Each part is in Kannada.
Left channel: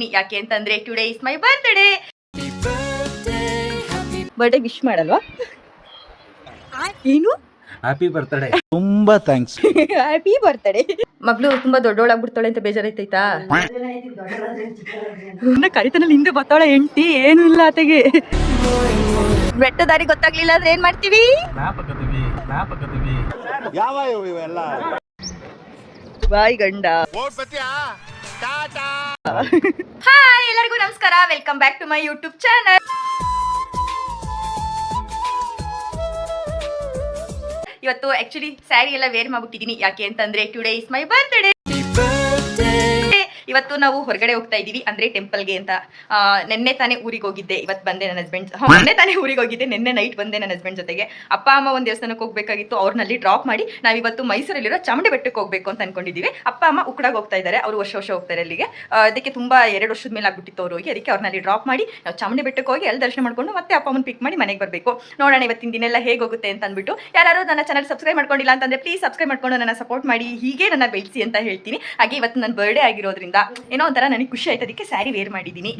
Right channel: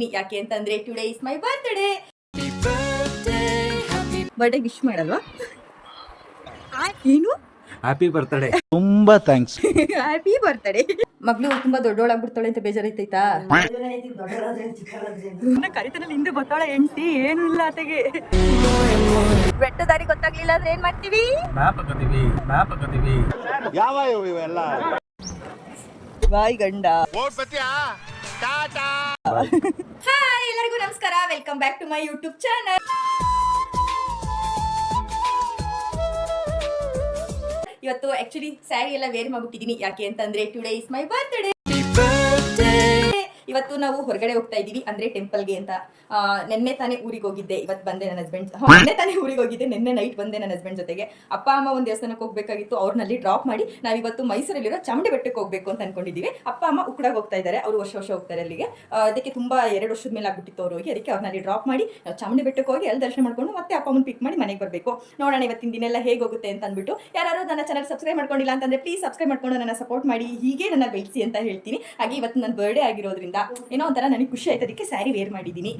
ಮಾಡ್ಕೊಂಡಿದ್ದೀನಿ. ಯಾಕೆ ಅಂತಂದ್ರೆ today is my birthday. Birthday wish ಮಾಡಲ್ವಾ? ಏನು ಹ್ಯಾಪಿ ಬರ್ತ್ಡೇ. ತುಂಬಾ ಥ್ಯಾಂಕ್ಸ್. Happy birthday. ಮಗಳು ತುಂಬಾ ದೊಡ್ಡೋಳಾಗ್ಬಿಡ್ತಾಳೆ ಅಂತ ಬೇಜಾರೈತೈತಾ? ಕರಿತನಲ್ಲಿ ಹಿಂದೆ ಬರ್ತಾಳೆ ಹೆಂಡತಿ, ಏನು ಇಲ್ಲ ಆತೆಗೆ. ಬೆಟ್ಟ ದಾರಿ ಗೊತ್ತಾಗ್ಲಿಲ್ಲ ಅಂದ್ರೆ ಏನ್ ಮಾಡ್ತೀವಿ? ಯಾವ ಇವೆಲ್ಲ ಬಾಯ್ ಗಂಡ. ಹಾಯ್ ಎಲ್ಲರಿಗೂ ನಮಸ್ಕಾರ, welcome back to my YouTube channel. ಇವತ್ತು ಆಕ್ಚುಲಿ ಸ್ಯಾರಿ ಎಲ್ಲ ವೇರ್ ಮಾಡ್ಬಿಟ್ಟಿದ್ದೀನಿ. ಯಾಕೆ ಅಂತಂದ್ರೆ ಟುಡೇ ಇಸ್ ಮೈ ಬರ್ತ್ಡೇ. ಇವತ್ತು ನಾವು ಹೊರಗಡೆ ಹೋಗ್ತಾ ಇದ್ದೀವಿ, ಅಂದ್ರೆ ಟೆಂಪಲ್ಗೆ ಅಂತ. ನೆನ್ನೆ ತಾನೇ ಊರಿಗೆ ಹೋಗಿದ್ದೆ, ಇವತ್ತು ಬಂದೆ ನನ್ನ ಹಸ್ಬೆಂಡ್. ನೆನ್ನೆ ತಾನೇ ಊರಿಗೆ ಹೋಗಿದ್ದೆ, ನೆನ್ನೆ ನೈಟ್ ಬಂದೆ ನನ್ನ ಹಸ್ಬೆಂಡ್ ಜೊತೆಗೆ. ಅಪ್ಪ ಅಮ್ಮ ಒಂದು ದೇವಸ್ಥಾನಕ್ಕೆ ಹೋಗ್ಬೇಕಾಗಿತ್ತು, ಅವ್ರನ್ನಲ್ಲಿ ಡ್ರಾಪ್ ಮಾಡಿ ನಾವಿವತ್ತು ಮೈಸೂರಲ್ಲಿರೋ ಚಾಮುಂಡಿ ಬೆಟ್ಟಕ್ಕೆ ಹೋಗ್ಬೇಕು ಅಂತ ಅನ್ಕೊಂಡಿದ್ದೀವಿ. ಅಪ್ಪ ಅಮ್ಮ ಉಕ್ಕಡಾಗ ಹೋಗ್ತಾ ಇದ್ದಾರೆ, ಅವರು ವರ್ಷ ಹೋಗ್ತಾರೆ ಅಲ್ಲಿಗೆ. ಅದಕ್ಕೆ ತುಂಬಾ 2 ವರ್ಷದ ಮೇಲೆ ಆಗ್ಬಿಟ್ಟಿತ್ತು ಅವ್ರು ಹೋಗಿ, ಅದಕ್ಕೆ ಅವ್ರನ್ನಲ್ಲಿ ಡ್ರಾಪ್ ಮಾಡಿ ನಾವು ಚಾಮುಂಡಿ ಬೆಟ್ಟಕ್ಕೆ ಹೋಗಿ ಅಲ್ಲಿ ದರ್ಶನ ಮಾಡ್ಕೊಂಡು ಮತ್ತೆ ಅಪ್ಪ ಅಮ್ಮನ ಪಿಕ್ ಮಾಡಿ ಮನೆಗೆ ಬರಬೇಕು. ನೋಡೋಣ ಇವತ್ತಿನ ದಿನ ಎಲ್ಲ ಹೇಗೆ ಹೋಗುತ್ತೆ ಅಂತ ಅಂದ್ಬಿಟ್ಟು. ಯಾರು ನನ್ನ ಚಾನಲ್ ಸಬ್ಸ್ಕ್ರೈಬ್ ಮಾಡ್ಕೊಂಡಿಲ್ಲ ಅಂತಂದ್ರೆ ಪ್ಲೀಸ್ ಸಬ್ಸ್ಕ್ರೈಬ್ ಮಾಡ್ಕೊಂಡು ನನ್ನ ಸಪೋರ್ಟ್ ಮಾಡಿ, ಹೀಗೆ ನನ್ನ ಬೆಳೆಸಿ ಅಂತ ಹೇಳ್ತೀನಿ. ಹಾಗೆ ಇವತ್ತು ನನ್ನ ಬರ್ಡೇ ಆಗಿರೋದ್ರಿಂದ ಏನೋ ಒಂಥರ ನನಗೆ ಖುಷಿ ಆಯ್ತು, ಅದಕ್ಕೆ ಸ್ಯಾರಿ ವೇರ್ ಮಾಡಿದ್ದೀನಿ.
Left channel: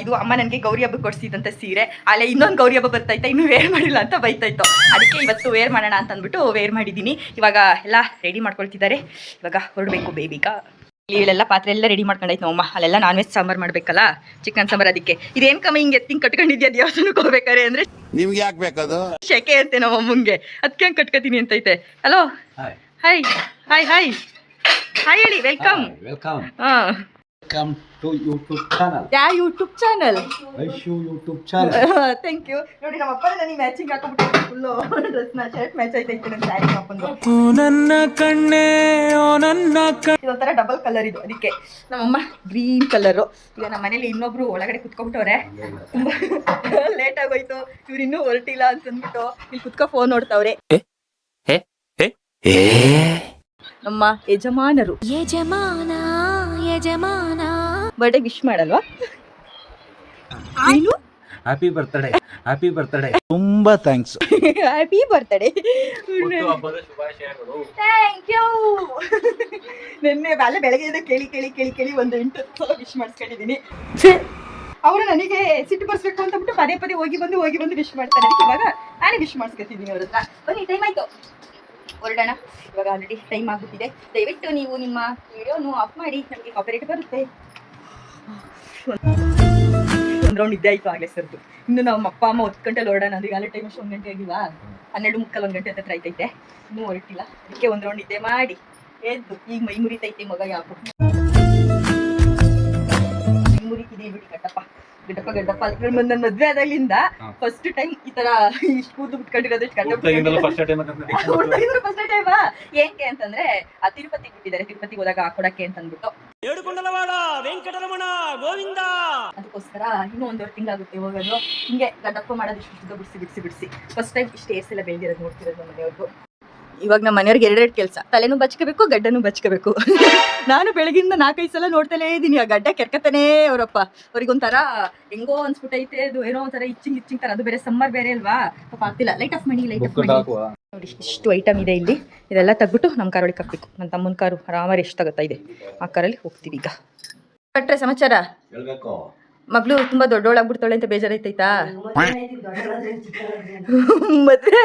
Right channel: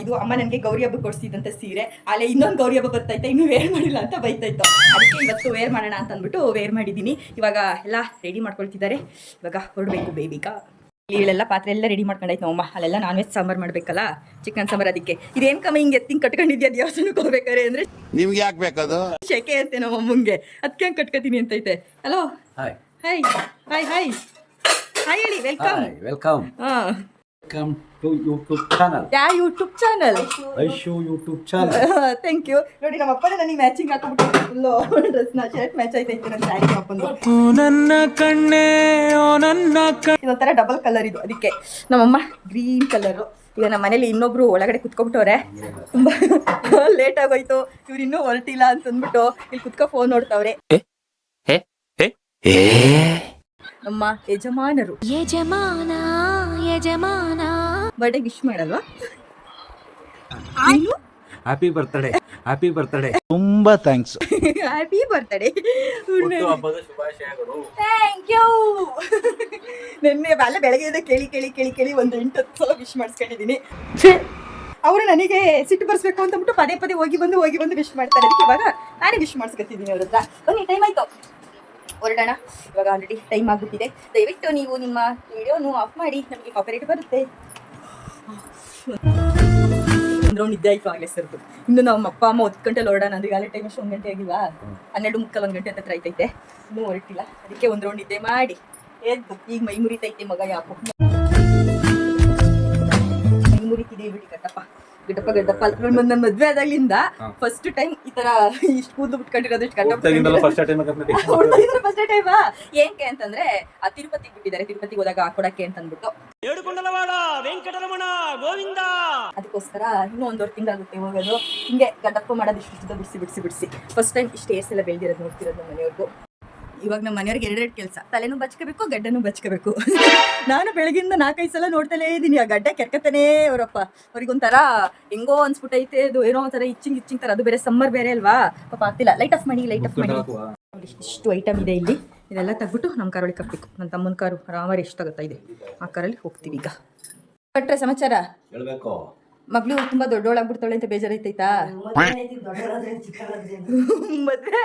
ಇದು ಅಮ್ಮ ನನಗೆ ಗೌರಿ ಹಬ್ಬಕ್ಕೆ ಕೊಡಿಸಿದಂಥ ಸೀರೆ, ಅಲ್ಲೇ ಇನ್ನೊಂದು ಗೌರಿ ಹಬ್ಬ ಬರ್ತಾಯಿತ್ತು, ಇನ್ನೂ ವೇರ್ ಮಾಡಿಲ್ಲ ಅಂತ ಬೈತಾಯಿತ್ತು. ಅದಕ್ಕೆ ಇವತ್ತು ವೇರ್ ಮಾಡೋಣ ಅಂತ ಅಂದ್ಬಿಟ್ಟು ವೇರ್ ಮಾಡಿದ್ದೀನಿ. ಇವಾಗ ಎಲ್ಲ ರೆಡಿ ಮಾಡ್ಕೊಳ್ತಿದ್ದಾರೆ, ಇವಾಗ ಹೊರಡಬೇಕು ಬೇಬಿಗ. ಇಲ್ಲೆಲ್ಲ ಪಾತ್ರೆ ಎಲ್ಲ ರೆಡಿ ಮಾಡ್ಕೊಂಡಾಯ್ತು ನಮ್ಮಮ್ಮ. ಅಲ್ಲೆಲ್ಲ ನಾನ್ ವೆಜ್ ಸಾಂಬಾರು ಮಾಡಬೇಕಲ್ಲ, ಚಿಕನ್ ಸಾಂಬಾರು. ಅದಕ್ಕೆ ಇದೇನು ಕಮ್ಮಿ ಹಿಂಗೆ ಎತ್ತಿಂಗ್ ಕಟ್ಕೊಂಡಿದ್ಯಾ ದೇವಸ್ಥಾನಕ್ಕೆ ಹೋಗ್ಬೇಕಾರೆ ಅಂದರೆ ನಿಮ್ಗೆ ಯಾಕೆ ಬೇಕದು ಶೆಕೆ ಅಂತೆ ನಮ್ಮಮ್ಮಂಗೆ, ಅದಕ್ಕೆ ಹಂಗೆ ಕಟ್ಕೊತೀನಿ ಅಂತೈತೆ. Hello hi hi hi hi hi ಹೇಳಿ. ವೆಲ್ಕಮ್ ವೆಲ್ಕಮ್ ಹಾಂ, ವೆಲ್ಕಮ್ ಟು ಯೂಟ್ಯೂಬ್ ಚಾನಲ್. ಯಾವ YouTube channel? Aishu YouTube channel. Thank you. ನೋಡಿ ನಮ್ಮ ಅಪ್ಪನೇ ನನಗೆ ಮ್ಯಾಚಿಂಗ್ ಹಾಕೊಂಡ್ಬಿಟ್ಟು ಫುಲ್ಲು ಡ್ರೆಸ್ನ, ಶರ್ಟ್ ಮ್ಯಾಚ್ ಆಯ್ತೈತೆ ನನ್ನ ಸ್ಯಾರಿ ಹಾಕೊಂಡು. ನನ್ನ ಕಣ್ಣೇ ಓ ನನ್ನ ಇದೊಂಥರ ಡಬಲ್ ಕಲರ್ ಇದು, ಅದಕ್ಕೆ ನಮ್ಮಮ್ಮ ಗ್ರೀನ್ ಕಲರು. ಈಗ ನಮ್ಮ ಮನೇಲಿ ಇನ್ನೊಬ್ರು ಒಳಗಡೆ ಕುತ್ಕೊಬಿಟ್ಟವ್ರೆ, ತುಂಬ ಲೇಟ್ ಆಗೋಯ್ತು, ಇವ್ರು ಇನ್ನೂ ಹೊರಟಿಲ್ಲ ಅಂತಂದ್ಬಿಟ್ಟು ಇಲ್ಲಿ ಕುತ್ಕೊ ಫೋನ್ ನೋಡ್ತಾವ್ರೆ. ನಮ್ಮ ಯಜಮಾನರು ಬರ್ಡೇ ವಿಶ್ ಮಾಡಲ್ವಾ? Happy birthday. Happy birthday. ತುಂಬಾ thanks. Happy birthday. Thank you. ನಿನ್ನೆ ಬೆಳಗ್ಗೆ ಕೇಳಿ ಕೇಳಿ ಕೇಳಿ ಕೇಳಿ ಒಂದು 8 ಸಲ ವಿಶ್ ಮಾಡಿಸ್ಕೊಂಡಿದ್ದೀನಿ. ಅವರು ನನಗೆ ಸಿಟ್ಟು ಬರ್ಸ್ಬೇಕು ಅಂತಬಿಟ್ಟು ಪದೇ ಪದೇ ಹೋಗಿ ಬಂದು ವಿಶ್ ಮಾಡ್ತಾರೆ. ಅದಕ್ಕೆ ಇವಾಗ ನಾನೇ ವಿಶ್ ಮಾಡಿಸ್ಕೊತಿದ್ದೀನಿ ಅವ್ರ ಹತ್ರ. ಬನ್ನಿ, ಟೈಮ್ ಆಯಿತು, ಹೊರಡೋಣ. ಇವಾಗ ಆಲ್ರೆಡಿ ಟೈಮ್ ಆಗಿಬಿಟ್ಟಿದೆ. ದಯವಿಟ್ಟು ನೀವು ನಿಮ್ಮ ವಿಡಿಯೋನು ಆಫ್ ಮಾಡಿ, ನಮಗೆ ಕಾಪಿರೈಟ್ ಬರುತ್ತೆ. ಒಂದು ರೌಂಡ್ ನಿದ್ದೆ ಆಯಿತು ಆಗಲೇ ಸರ್ದು. ಇನ್ನು ನಮ್ಮ ಅಪ್ಪ ಅಮ್ಮ 10 ಗಂಟೆಲಿ ಹೊರಡೋಣ ಅಂದ್ರೆ ಈಗಾಗಲೇ ಟೈಮ್ ಅಷ್ಟು 1 ಗಂಟೆ ಆಗಿಲ್ಲ, 12:45 1 ಗಂಟೆ ಹತ್ರ ಆಯ್ತೈತೆ, ಇನ್ನೂ ಹೊರಟಿಲ್ಲ. ಅದಕ್ಕೆ ಒಂದು ರೌಂಡ್ ನಿದ್ದೆ ಮಾಡಿ ಎದ್ದು ಈಗ ಮೈ ಮುರಿತೈತೆ ಮಗ. ಯಾಕೋ ಮೈ ಮುರಿತಿದೆ ಬಿಡಿ. ಗಡ್ಡಪ್ಪ ನನ್ನ ಮದ್ವೆ ಆದಾಗ್ಲಿಂದ ಫಸ್ಟ್ ಟೈಮ್ ಈ ತರ ಇಷ್ಟು ಕೂದು ಬಿಟ್ಕೊಂಡಿರೋದು. ಫಸ್ಟ್ ಟೈಮ್ ಏನ್ಕೆ ಅಂತಂದ್ರೆ ತಿರುಪತಿಗೆ ಬಿಟ್ಟಿದ್ದಾರೆ, ತಿರುಪತಿಗೆ ಹೋದಾಗ ಹಾಕೊಡಕ್ಕೆ ಅಂತ ಅಂದ್ಬಿಟ್ಟು. ಅದಕ್ಕೋಸ್ಕರ ಇನ್ನೂ 1.5 ತಿಂಗಳಾಗುತ್ತೆ ಹೋಗೋದು. ಹಿಂಗೆ ಗಡ್ಡಪ್ಪ ಮಾಡೋದು ಇಷ್ಟು ಬಿಡಿಸಿ ಫಸ್ಟ್ ಟೈಮ್ ಇಷ್ಟು ಏರ್ಸ್ ಎಲ್ಲ ಬೆಳೆದಿರೋದು ನೋಡ್ತಿರೋದು ನಮ್ಮ ಮನೆಯವ್ರಿಗೂ. ಇವಾಗ ನಮ್ಮ ಮನೆಯವ್ರಿಗೆ 2 ಕೆಲಸ, ತಲೆನೂ ಬಚ್ಕೋಬೇಕು, ಗಡ್ಡನೂ ಬಚ್ಕೋಬೇಕು. ನಾನು ಬೆಳಗಿಂದ 4-5 ಸಲ ನೋಡ್ತಲೇ ಇದ್ದೀನಿ, ಆ ಗಡ್ಡ ಕೆರ್ಕತಾನೇ ಅವರಪ್ಪ. ಅವ್ರಿಗೊಂಥರ ಹೆಂಗೋ ಅನ್ಸ್ಬಿಟ್ಟೈತೆ, ಅದು ಏನೋ ಒಂಥರ ಇಚ್ಚಿಂಗ್ ಥರ. ಅದು ಬೇರೆ ಸಮ್ಮರ್ ಬೇರೆ ಅಲ್ವಾ, ಪಾಪ ಆಗ್ತಿಲ್ಲ. ಲೈಟ್ ಆಫ್ ಮಾಡಿ ನೋಡಿ, ಇಷ್ಟು ಐಟಮ್ ಇದೆ ಇಲ್ಲಿ. ಇದೆಲ್ಲ ತೆಗ್ಬಿಟ್ಟು ನಮ್ಮ ಕಾರೊಳಗೆ ಹಾಕ್ಬೇಕು. ನನ್ನ ತಮ್ಮನ ಕಾರು ಆರಾಮಾಗಿ ಎಷ್ಟು ತಗೋತಾ ಇದೆ, ಆ ಕಾರಲ್ಲಿ ಹೋಗ್ತೀವಿ ಈಗ. ಕಟ್ರೆ ಸಮಾಚಾರ. ಮಗಳು ತುಂಬಾ ದೊಡ್ಡೋಳಾಗ್ಬಿಡ್ತಾಳೆ ಅಂತ ಬೇಜಾರೈತೈತಾ? ಮದ್ವೆ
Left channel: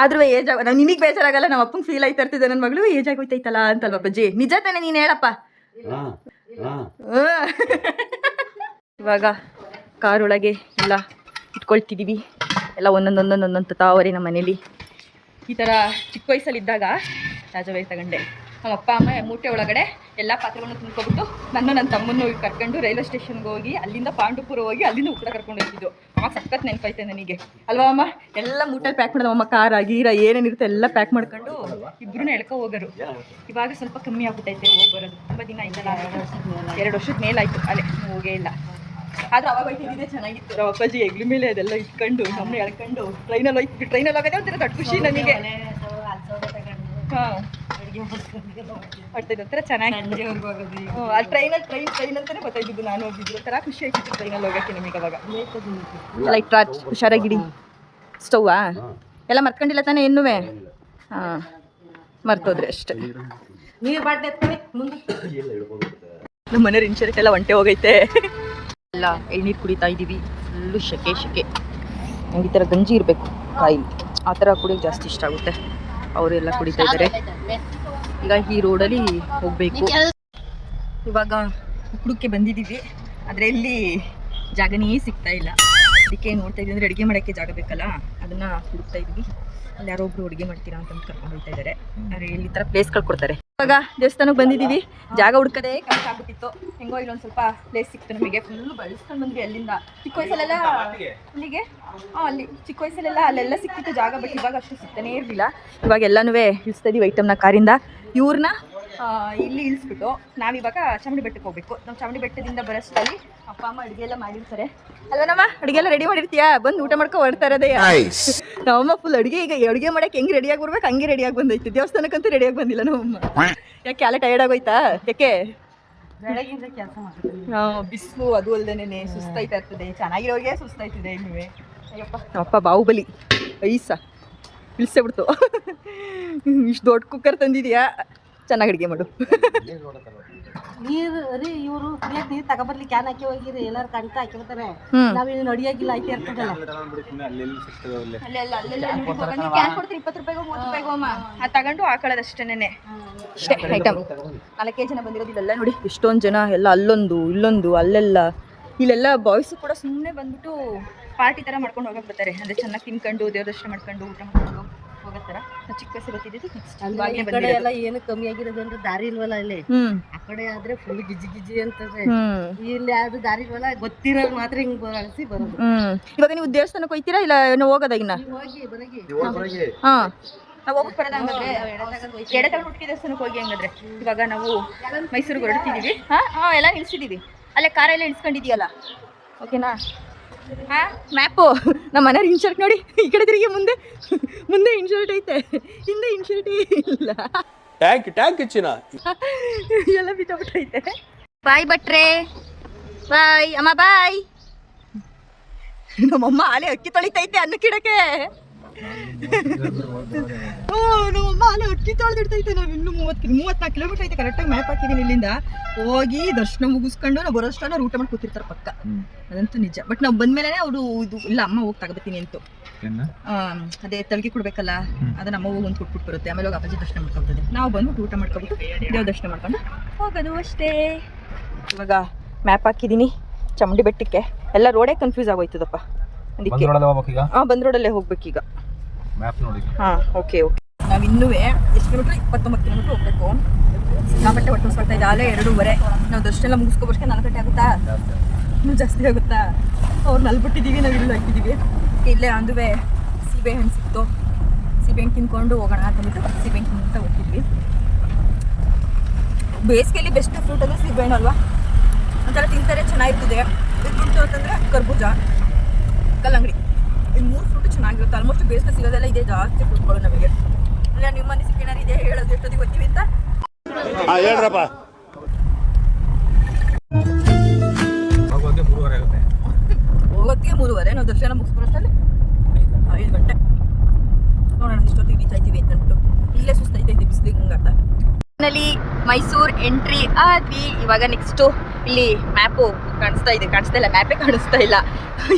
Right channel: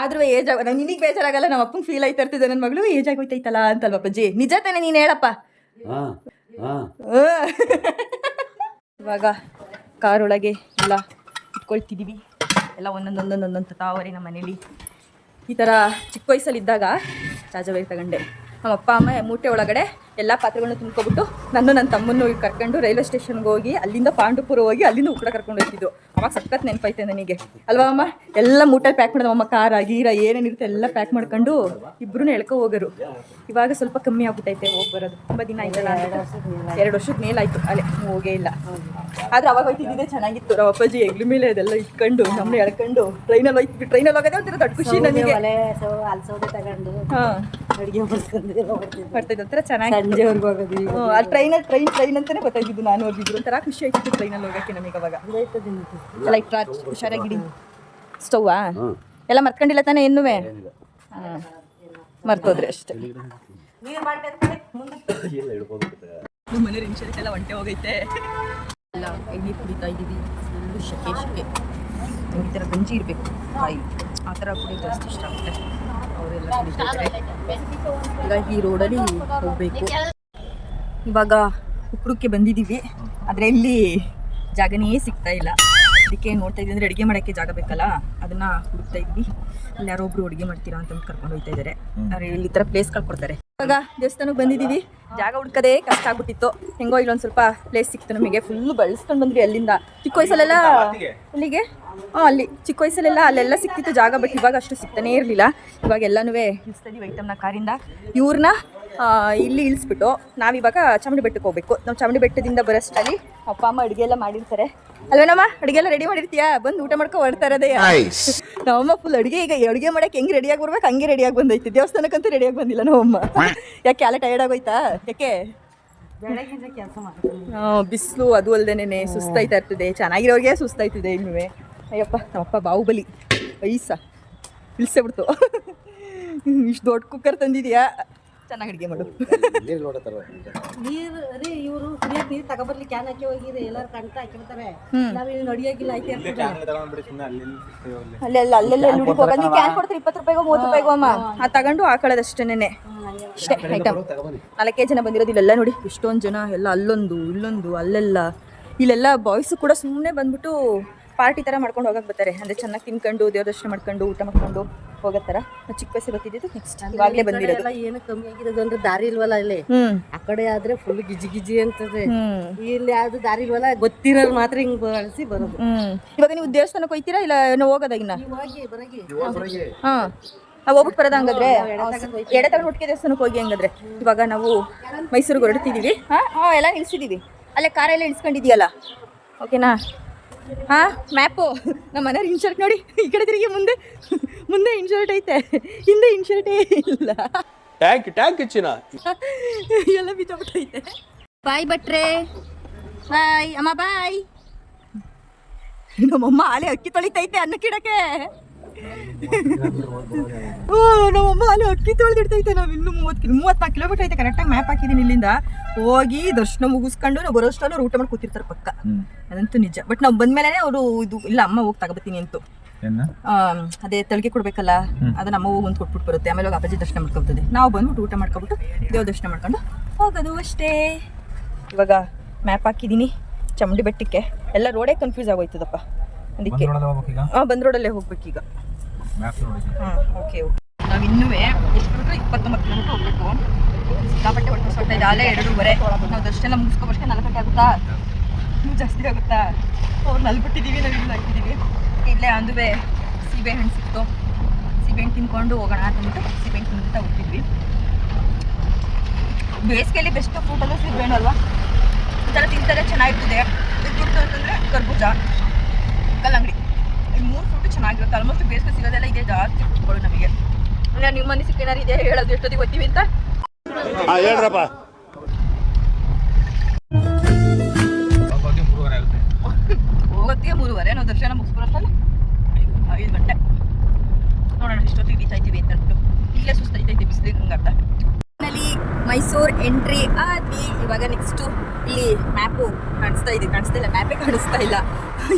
ಆದ್ರೂ ಏಜ್ ನಿನಗೆ ಬೇಜಾರಾಗಲ್ಲ, ನಮ್ಮ ಅಪ್ಪಂಗೆ ಫೀಲ್ ಆಯ್ತಾ ಇರ್ತಿದ್ದೆ, ನನ್ನ ಮಗಳು ಏಜ್ ಆಗೋಯ್ತೈತಲ್ಲ ಅಂತಲ್ವ ಅಪ್ಪಾಜಿ? ನಿಜ ತಾನೆ, ನೀನು ಹೇಳಪ್ಪ. ಇವಾಗ ಕಾರೊಳಗೆ ಎಲ್ಲ ಇಟ್ಕೊಳ್ತಿದ್ದೀವಿ, ಎಲ್ಲ ಒಂದೊಂದು ತಾವರೆ. ನಮ್ಮ ಮನೇಲಿ ಈ ಥರ ಚಿಕ್ಕ ವಯಸ್ಸಲ್ಲಿದ್ದಾಗ ರಾಜವೇರ್ ತಗೊಂಡೆ. ನಮ್ಮ ಅಪ್ಪ ಅಮ್ಮ ಮೂಟೆ ಒಳಗಡೆ ಎಲ್ಲ ಪಾತ್ರೆಗಳನ್ನ ತುಂಬ್ಕೊಬಿಟ್ಟು ನನ್ನ ತಮ್ಮನ್ನು ಕರ್ಕೊಂಡು ರೈಲ್ವೆ ಸ್ಟೇಷನ್ಗೆ ಹೋಗಿ, ಅಲ್ಲಿಂದ ಪಾಂಡುಪುರ ಹೋಗಿ, ಅಲ್ಲಿಂದ ಉಕ್ಕಡ ಕರ್ಕೊಂಡು ಹೋಗ್ತಿದ್ದು. ಅವಾಗ ಸಖತ್ ನೆನಪೈತೆ ನನಗೆ ಅಲ್ವಾ ಅಮ್ಮ? ಎಲ್ಲ ಮೂಟಲ್ಲಿ ಪ್ಯಾಕ್ ಮಾಡೋದು ಅಮ್ಮ, ಖಾರ ಗೀರ ಏನೇನಿರುತ್ತೆ ಎಲ್ಲ ಪ್ಯಾಕ್ ಮಾಡ್ಕೊಂಡು ಇಬ್ಬರೂ ಎಳ್ಕೊ ಹೋಗೋರು. ಇವಾಗ ಸ್ವಲ್ಪ ಕಮ್ಮಿ ಆಗ್ಬಿಟ್ಟೈತೆ ಹೋಗಿ ಬರೋದು, ತುಂಬ ದಿನ ಆಯ್ತಲ್ಲ, 2 ವರ್ಷದ ಮೇಲಾಯಿತು. ಅಲ್ಲೇ ಹೋಗೇ ಇಲ್ಲ. ಆದ್ರೆ ಅವಾಗ ಹೋಗ್ತಿದ್ದೆ ಚೆನ್ನಾಗಿತ್ತು. ನಮ್ಮ ಅಪ್ಪಾಜಿ ಹೆಗ್ಲ ಮೇಲೆ ಅದೆಲ್ಲ ಇಟ್ಕೊಂಡು ನಮ್ಮನ್ನ ಎಳ್ಕೊಂಡು ಟ್ರೈನಲ್ಲಿ ಹೋಗ್ತಿದ್ವಿ. ಟ್ರೈನಲ್ಲಿ ಹೋಗೋದೇ ಒಂಥರ ದೊಡ್ಡ ಖುಷಿ ನನಗೆ. ಹಾಂ, ಮಾಡ್ತಾಯಿದ್ದು ಒಂಥರ ಚೆನ್ನಾಗಿ. ಅಲ್ಲಿ ಟ್ರೈನ್ ಅಂತಾನೆ ಗೊತ್ತಾಗಿದ್ದು ನಾನು ಹೋಗಿದ್ರು. ಒಂಥರ ಖುಷಿ ಆಯ್ತಿತ್ತು ಟ್ರೈನಲ್ಲಿ ಹೋಗೋಕ್ಕೆ ನಮಗೆ ಅವಾಗ. ಲೈಟ್ ರಾಜ್ ಹುಷಾರಾಗಿಡಿ. ಸ್ಟವ್ವಾ ಎಲ್ಲ ಮರ್ತ್ಕೊಂಡಿಲ್ಲ ತಾನೇ? ಇನ್ನೂ ಹಾಂ, ಮರ್ತೋದ್ರೆ ಅಷ್ಟೇ. ನಮ್ಮ ಮನೆಯವ್ರ ಇನ್ಶೂರೆನ್ಸ್ ಎಲ್ಲ ಒಂಟೆ ಹೋಗೈತೆ ಎಲ್ಲ ಎಳ್ನೀರು ಕುಡಿತಾ ಇದ್ದೀವಿ. ಫುಲ್ಲು ಶೆಕೆ ನಂಗೆ ಈ ಥರ ಗಂಜಿ ಇರಬೇಕು ಕಾಯಿ, ಆ ಥರ ಕುಡಿಯೋಕೆ ಜಾಸ್ತಿ ಇಷ್ಟ ಆಗುತ್ತೆ. ಅವರೆಲ್ಲ ಕುಡಿತಾ ಇದ್ದಾರೆ. ಈಗ ಈ ರೋಡಲ್ಲಿ ಹೋಗಬೇಕು. ಇವಾಗ ಉಕ್ಕುಡಕ್ಕೆ ಬಂದಿದ್ದೀವಿ, ಆದರೆ ಇಲ್ಲಿ ಜಾಗನೇ ಸಿಗ್ತಾ ಇಲ್ಲ. ಅದಕ್ಕೆ ನೋಡ್ತಾ ಇದ್ದೀವಿ ಅಂದರೆ ಅಡುಗೆ ಮಾಡೋಕ್ಕೆ ಜಾಗ ಬೇಕಲ್ಲ, ಅದನ್ನು ಹುಡುಕ್ತಾ ಇದ್ವಿ. ಅಲ್ಲಿ ಯಾರೋ ಒಬ್ರು ಅಡುಗೆ ಮಾಡ್ತೀರಾ ಅಂತ ಕರ್ಕೊಂಡು ಹೋಗ್ತಾ ಇದ್ದಾರೆ. ಆದರೆ ಇಲ್ಲಿ ಈ ಥರ ಪ್ಲೇಸ್ಗಳು ಕೊಡ್ತಾರೆ. ಇವಾಗ ದೇವಸ್ಥಾನಕ್ಕೆ ಬಂದಿದ್ದೀವಿ. ಜಾಗ ಹುಡ್ಕೋದೇ ಕಷ್ಟ ಆಗ್ಬಿಟ್ಟಿತ್ತು. ಹೆಂಗೋ ಇಲ್ಲೊಂದು ಸ್ವಲ್ಪ ಪ್ಲೇಸ್ ಸಿಕ್ತು ನಮಗೆ. ಫುಲ್ಲು ಬಳಸ್ಕೊಂಡು ಬಂದ್ವಿ ಅಲ್ಲಿಂದ. ಚಿಕ್ಕ ವಯಸ್ಸಲ್ಲೆಲ್ಲ ಅಲ್ಲಿಗೆ ಅಲ್ಲಿ ಚಿಕ್ಕ ವಯಸ್ಸಲ್ಲೆಲ್ಲ ಅಲ್ಲೆಲ್ಲ ಸಿಕ್ತಿತ್ತು ಜಾಗ, ಬಟ್ ಇವಾಗ ಅಷ್ಟು ಸಿಗ್ತಾನೇ ಇರಲಿಲ್ಲ. ಇವಾಗ ಎಲ್ಲನೂ ಇಳಿಸ್ತಾ ಇದೀವಿ ಐಟಮ್ನ ಕಾರಿಂದ. ಇವ್ರನ್ನ ಇಲ್ಲಿ ಇಳಿಸ್ಬಿಟ್ಟು ನಾವಿವಾಗ ಚಾಮುಂಡಿ ಬೆಟ್ಟಕ್ಕೆ ಹೋಗ್ಬೇಕು. ನಾವು ಚಾಮುಂಡಿ ಬೆಟ್ಟದಿಂದ ಬರೋಷ್ಟರಲ್ಲಿ ಅಪ್ಪ ಅಮ್ಮ ಅಡುಗೆ ಎಲ್ಲ ಮಾಡಿರ್ತಾರೆ ಅಲ್ವೇನಮ್ಮ? ಅಡುಗೆ ಎಲ್ಲ ರೆಡಿ ಮಾಡಿರ್ತೀಯಾ? ಬಂದು ಊಟ ಮಾಡ್ಕೊ ಹೊಡ್ತಾ ಇರೋದೇ. ನಮ್ಮಮ್ಮ ಫುಲ್ ಅಡುಗೆ ಈಗ ಅಡುಗೆ ಮಾಡೋಕೆ ಹೆಂಗೆ ರೆಡಿಯಾಗಿ ಬರ್ಬೇಕು ಹಂಗೆ ರೆಡಿಯಾಗಿ ಬಂದೈತಿ. ದೇವಸ್ಥಾನಕ್ಕಂತೂ ರೆಡಿಯಾಗಿ ಬಂದಿಲ್ಲ ನಮ್ಮಮ್ಮ. ಯಾಕೆ ಅಲ್ಲ ಟಯರ್ಡ್ ಆಗೋಯ್ತಾ? ಯಾಕೆ ಬಿಸಿಲು ಅದು ಅಲ್ದೇನೆ ಸುಸ್ತಾಯ್ತಾ ಇರ್ತದೆ. ಚೆನ್ನಾಗಿರೋರಿಗೆ ಸುಸ್ತಾಯ್ತಿದೆ ಇನ್ನೂ. ಅಯ್ಯಪ್ಪ ನಮ್ಮಪ್ಪ ಬಾಹುಬಲಿ ಐಸ ಇಳಿಸೇ ಬಿಡ್ತು. ಇಷ್ಟು ದೊಡ್ಡ ಕುಕ್ಕರ್ ತಂದಿದ್ಯಾ, ಚೆನ್ನಾಗಿ ಅಡುಗೆ ಮಾಡು. ನೀರು ರೀ ಇವರು ಕುಡಿಯಕ್ಕೆ ನೀರು ತಗೊಬರ್ಲಿ ಕ್ಯಾನ್ ಹಾಕಿ ಹೋಗಿರಿ, ಎಲ್ಲಾರು ಕಂಟ ಹಾಕಿರ್ತಾರೆ. ನಾವು ಇಲ್ಲಿ ನಡಿಯಾಗಿಲ್ಲ ಐತೆ ಇರ್ತದೆ. ಅಲ್ಲೆಲ್ಲ ಹೋಗೋದು. ನೀವು ಕ್ಯಾನ್ ಕೊಡ್ತೀರಿ 20 ರೂಪಾಯಿಗೋ 30 ರೂಪಾಯಿಗೋ ಅಮ್ಮ. ಅದು ತಗೊಂಡು ಹಾಕೊಳ್ಳೋದು ಅಷ್ಟೇನೆ. ಅಷ್ಟೇ ಐಟಮ್. 4 ಜನ ಬಂದಿರೋದು. ಇಲ್ಲೆಲ್ಲ ನೋಡಿ ಎಷ್ಟೊಂದು ಜನ, ಎಲ್ಲ ಅಲ್ಲೊಂದು ಇಲ್ಲೊಂದು ಅಲ್ಲೆಲ್ಲ. ಇಲ್ಲೆಲ್ಲ ಬಾಯ್ಸು ಕೂಡ ಸುಮ್ಮನೆ ಬಂದ್ಬಿಟ್ಟು ಪಾರ್ಟಿ ಥರ ಮಾಡ್ಕೊಂಡು ಹೋಗಕ್ಕೆ ಬರ್ತಾರೆ. ಅಂದರೆ ಚೆನ್ನಾಗಿ ತಿನ್ಕೊಂಡು ದೇವ್ರ ದರ್ಶನ ಮಾಡ್ಕೊಂಡು ಊಟ ಮಾಡ್ಕೊಂಡು ಹೋಗೋ ಥರ. ನಾವು ಚಿಕ್ಕ ವಯಸ್ಸು ಬರ್ತಿದ್ದು ನೆಕ್ಸ್ಟ್ ಇವಾಗಲೇ ಬಂದಿರೋದು. ಏನು ಕಮ್ಮಿ ಆಗಿರೋದು ಅಂದ್ರೆ ದಾರಿ ಇಲ್ವಲ್ಲ ಇಲ್ಲಿ. ಆ ಕಡೆ ಆದ್ರೆ ಫುಲ್ ಗಿಜಿ ಅಂತದೆ. ಇಲ್ಲಿ ಯಾವ್ದು ದಾರಿ ಇಲ್ವಲ್ಲ, ಗೊತ್ತಿರೋರು ಮಾತ್ರ ಹಿಂಗ್ ಬಳಸಿ ಬರೋದು. ಇವಾಗ ನೀವು ದೇವಸ್ಥಾನಕ್ಕೆ ಹೋಗ್ತೀರಾ ಇಲ್ಲ ಏನೋ ಹೋಗೋದಾಗಿನ? ಹಾಂ ಹೋಗ್ಬಿಟ್ಟು ಬರೋದ ಹಂಗಾದ್ರೆ. ಎಡೆ ತಗೊಂಡು ಹುಟ್ಟಿಗೆ ದೇವಸ್ಥಾನಕ್ಕೆ ಹೋಗಿ ಹಂಗಾದ್ರೆ. ಇವಾಗ ನಾವು ಮೈಸೂರಿಗೆ ಹೊರಡ್ತಿದ್ದೀವಿ. ಹಾಂ ಎಲ್ಲ ನಿಲ್ಸಿದ್ದೀವಿ. ಅಲ್ಲೇ ಕಾರೆಲ್ಲ ಇಳಿಸ್ಕೊಂಡಿದೆಯಲ್ಲ, ಓಕೆನಾ? ಹಾಂ ಮ್ಯಾಪು ನಮ್ಮ ಮನೆಯವ್ರ ಇನ್ಶರ್ಟ್ ನೋಡಿ. ಈ ಕಡೆ ತಿರುಗಿ ಮುಂದೆ ಇನ್ಶರ್ಟ್ ಐತೆ, ಹಿಂದೆ ಇನ್ಶರ್ಟೇ ಇಲ್ಲ. ಟ್ಯಾಂಕ್ ಚಿನ್ನ ಎಲ್ಲ ಬಿತ್ತಬಿಟ್ಟೈತೆ. ಬಾಯ್ ಭಟ್ರೆ, ಬಾಯ್ ಅಮ್ಮ, ಬಾಯ್. ನಮ್ಮಮ್ಮ ಆಲೆ ಅಕ್ಕಿ ತೊಳಿತೈತೆ ಅನ್ನಕ್ಕಿಡಕ್ಕೆ. ನಮ್ಮಮ್ಮ ಅಲ್ಲೇ ಅಕ್ಕಿ ತೊಳೆದಿಡ್ತೈತೆ. ನಾವು ಇನ್ನೂ 34 ಕಿಲೋಮೀಟರ್ ಐತೆ. ಕರೆಕ್ಟಾಗಿ ಮ್ಯಾಪ್ ಹಾಕಿದ್ದೀನಿ. ಇಲ್ಲಿಂದ ಹೋಗಿ ದರ್ಶನ ಮುಗಿಸ್ಕೊಂಡು ನಾವು ಬರೋಷ್ಟಲ್ಲ ಊಟ ಮಾಡಿ ಕೂತಿರ್ತಾರೆ ಪಕ್ಕ. ಅದಂತೂ ನಿಜ. ಬಟ್ ನಾವು ಬಂದ್ಮೇಲೆ ಅವರು ಇದು ಇಲ್ಲ ಅಮ್ಮ ಹೋಗಿ ತಗೋಬತ್ತೀನಿ ಅಂತು. ಅದೇ ತಳಿಗೆ ಕೊಡ್ಬೇಕಲ್ಲ, ಅದನ್ನ ಅಮ್ಮ ಹೋಗಿ ಒಂದು ಕೊಟ್ಬಿಟ್ಟು ಬರುತ್ತೆ. ಆಮೇಲೆ ಹೋಗಿ ಅಪ್ಪಾಜಿ ದರ್ಶನ ಮಾಡ್ಕೊಬರ್ತದೆ. ನಾವು ಬಂದ್ಬಿಟ್ಟು ಊಟ ಮಾಡ್ಕೊಬಿಟ್ಟು ದೇವ್ರ ದರ್ಶನ ಮಾಡ್ಕೊಂಡು ಹೋಗೋದು ಅಷ್ಟೇ. ಇವಾಗ ಮ್ಯಾಪ್ ಹಾಕಿದ್ದೀನಿ ಚಾಮುಂಡಿ ಬೆಟ್ಟಕ್ಕೆ. ಎಲ್ಲ ರೋಡೇ ಕನ್ಫ್ಯೂಸ್ ಆಗೋಯ್ತದಪ್ಪ. ಅದಕ್ಕೆ ಬಂದ್ ರೋಡಲ್ಲೇ ಹೋಗ್ಬೇಕೀಗ. ಹಾಂ ಓಕೆ. ನಾವು ಇನ್ನೂ ಎಷ್ಟು ಕಿಲೋಮೀಟ್ರ್? 29 ಕಿಲೋಮೀಟ್ರ್ ಹೋಗ್ಬೇಕು. ಸಿಕ್ಕಾಪಟ್ಟೆ ಹೊಟ್ಟೆ ಹೊಸ ಇದೆ. ಅಲ್ಲೇ 2:30. ನಾವು ದರ್ಶನ ಎಲ್ಲ ಮುಗಿಸ್ಕೊಬರ್ಸ್ಕೊಂಡು 4 ಗಂಟೆ ಆಗುತ್ತಾ? ಇನ್ನೂ ಜಾಸ್ತಿ ಆಗುತ್ತಾ? ಅವ್ರನ್ನ ಅಲ್ಲಿ ಬಿಟ್ಟಿದ್ದೀವಿ, ನಾವು ಇಲ್ಲಿ ಹಾಕಿದ್ದೀವಿ. ಇಲ್ಲೇ ಅಂದುವೆ ಸೀಬೆ ಹಣ್ಣು ಸಿಕ್ತು. ಸೀಬೆ ಹಣ್ಣು ತಿನ್ಕೊಂಡು ಹೋಗೋಣ ಅಂತಂದ್ಬಿಟ್ಟು ಸೀಬೆ ಹಣ್ಣು ತಿಂತ ಹೋಗ್ತಿದ್ವಿ. ಬೇಸಿಗೆಯಲ್ಲಿ ಬೆಸ್ಟ್ ಫ್ರೂಟ್ ಅಂದರೆ ಸೀಬೆ ಹಣ್ಣು ಅಲ್ವಾ? ಒಂಥರ ತಿಂತಾರೆ, ಚೆನ್ನಾಗಿರ್ತದೆ. ಬಿಟ್ಬಿಡ್ತು ಅಂತಂದರೆ ಕರ್ಬೂಜ, ಕಲ್ಲಂಗಡಿ. ಈ 3 ಫ್ರೂಟು ಚೆನ್ನಾಗಿರುತ್ತೆ. ಆಲ್ಮೋಸ್ಟ್ ಬೇಸಿಗೆ ಸಿಗೋದೆಲ್ಲ ಇದೆ ಜಾಸ್ತಿ ಫ್ರೂಟ್ಗಳು ನಮಗೆ. ಇನ್ನು ನಿಮ್ಮ ಮನೆ ಸಿಕ್ಕೇನಾರು ಇದೆ ಹೇಳೋದು, ಎಷ್ಟೊತ್ತಿಗೆ ಗೊತ್ತೀವಿ ಅಂತ ಹೇಳ್ರಪ್ಪ. ಹೋಗೋತ್ತಿಗೆ 3:30. ನಾವು ದರ್ಶನ ಮುಗಿಸ್ಬರೋಷ್ಟಲ್ಲಿ 5 ಗಂಟೆ. ನೋಡೋಣ ಇಷ್ಟೊತ್ತಿಗೆ ರೀಚ್ ಆಯ್ತೀವಿ ಅಂತ ಅಂದ್ಬಿಟ್ಟು. ಇಲ್ಲೇ ಸುಸ್ತೈತೈತೆ ಬಿಸಿಲಿಗೆ ಹಂಗರ್ಧ. ನಲ್ಲಿ ಮೈಸೂರು ಎಂಟ್ರಿ ಆದ್ವಿ. ಇವಾಗ ನೆಕ್ಸ್ಟು ಇಲ್ಲಿ ಮ್ಯಾಪು ಕಾಣಿಸ್ತಾ ಇದೆ. ಕಾಣಿಸ್ತಾ ಇಲ್ಲ, ಮ್ಯಾಪೇ ಕಾಣಿಸ್ತಾ ಇಲ್ಲ.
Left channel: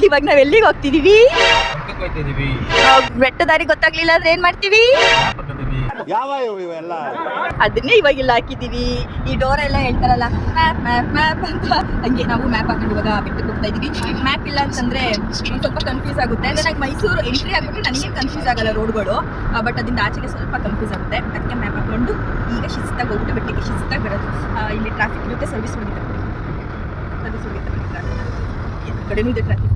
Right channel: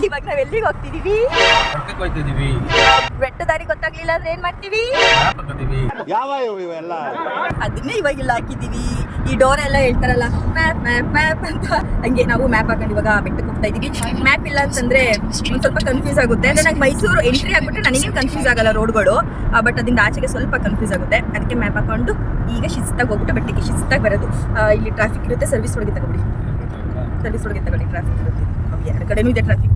ಇವಾಗ ನಾವ್ ಎಲ್ಲಿಗೆ ಹೋಗ್ತಿದೀವಿ? ಬೆಟ್ಟ ದಾರಿ ಗೊತ್ತಾಗ್ಲಿಲ್ಲ ಅಂದ್ರೆ ಏನ್ ಮಾಡ್ತೀವಿ? ಯಾವ ಇವೆಲ್ಲ ಅದನ್ನೇ ಇವಾಗ ಇಲ್ಲಿ ಹಾಕಿದೀವಿ. ಈ ಡೋರ್ ಎಲ್ಲ ಹೇಳ್ತಾರಲ್ಲ ಮ್ಯಾಪ್ ಮ್ಯಾಪ್ ಮ್ಯಾಪ್ ಅಂತ, ಹಂಗೆ ನಾವು ಮ್ಯಾಪ್ ಹಾಕೊಂಡು ಇವಾಗ ಬೆಟ್ಟಕ್ಕೆ ಹೋಗ್ತಾ ಇದೀವಿ. ಮ್ಯಾಪ್ ಇಲ್ಲ ಅಂತಂದ್ರೆ ಒಂದ್ ಸ್ವಲ್ಪ ಕನ್ಫ್ಯೂಸ್ ಆಗುತ್ತೆ. ಅಂದ್ರೆ ನಂಗೆ ಮೈಸೂರು ಎಂಟ್ರಿ ಆಗ್ಬಿಟ್ರೆ ನನಗೇನು ಕನ್ಫ್ಯೂಸ್ ಆಗಲ್ಲ ರೋಡ್ಗಳು, ಬಟ್ ಅದರಿಂದ ಆಚೆಗೆ ಸ್ವಲ್ಪ ಕನ್ಫ್ಯೂಸ್ ಆಗುತ್ತೆ. ಅದಕ್ಕೆ ಮ್ಯಾಪ್ ಹಾಕೊಂಡು ಈಗ ಶಿಸ್ತಾಗಿ ಹೋಗ್ಬಿಟ್ಟು ಬೆಟ್ಟಕ್ಕೆ ಶಿಸ್ತಾಗಿ ಬರೋದು. ಇಲ್ಲಿ ಟ್ರಾಫಿಕ್ ಇರುತ್ತೆ, ಸರ್ವಿಸ್ ಒಳಗೆ ತಗೊಳ್ಳಿ. ಸರ್ವಿಸ್ ಒಳಗೆ ತಗೊಳ್ಳಿ, ಟ್ರಾಫಿಕ್ ಇರುತ್ತೆ. ಎರಡು ಕಡೆನೂ ಇದೆ ಟ್ರಾಫಿಕ್ಕು.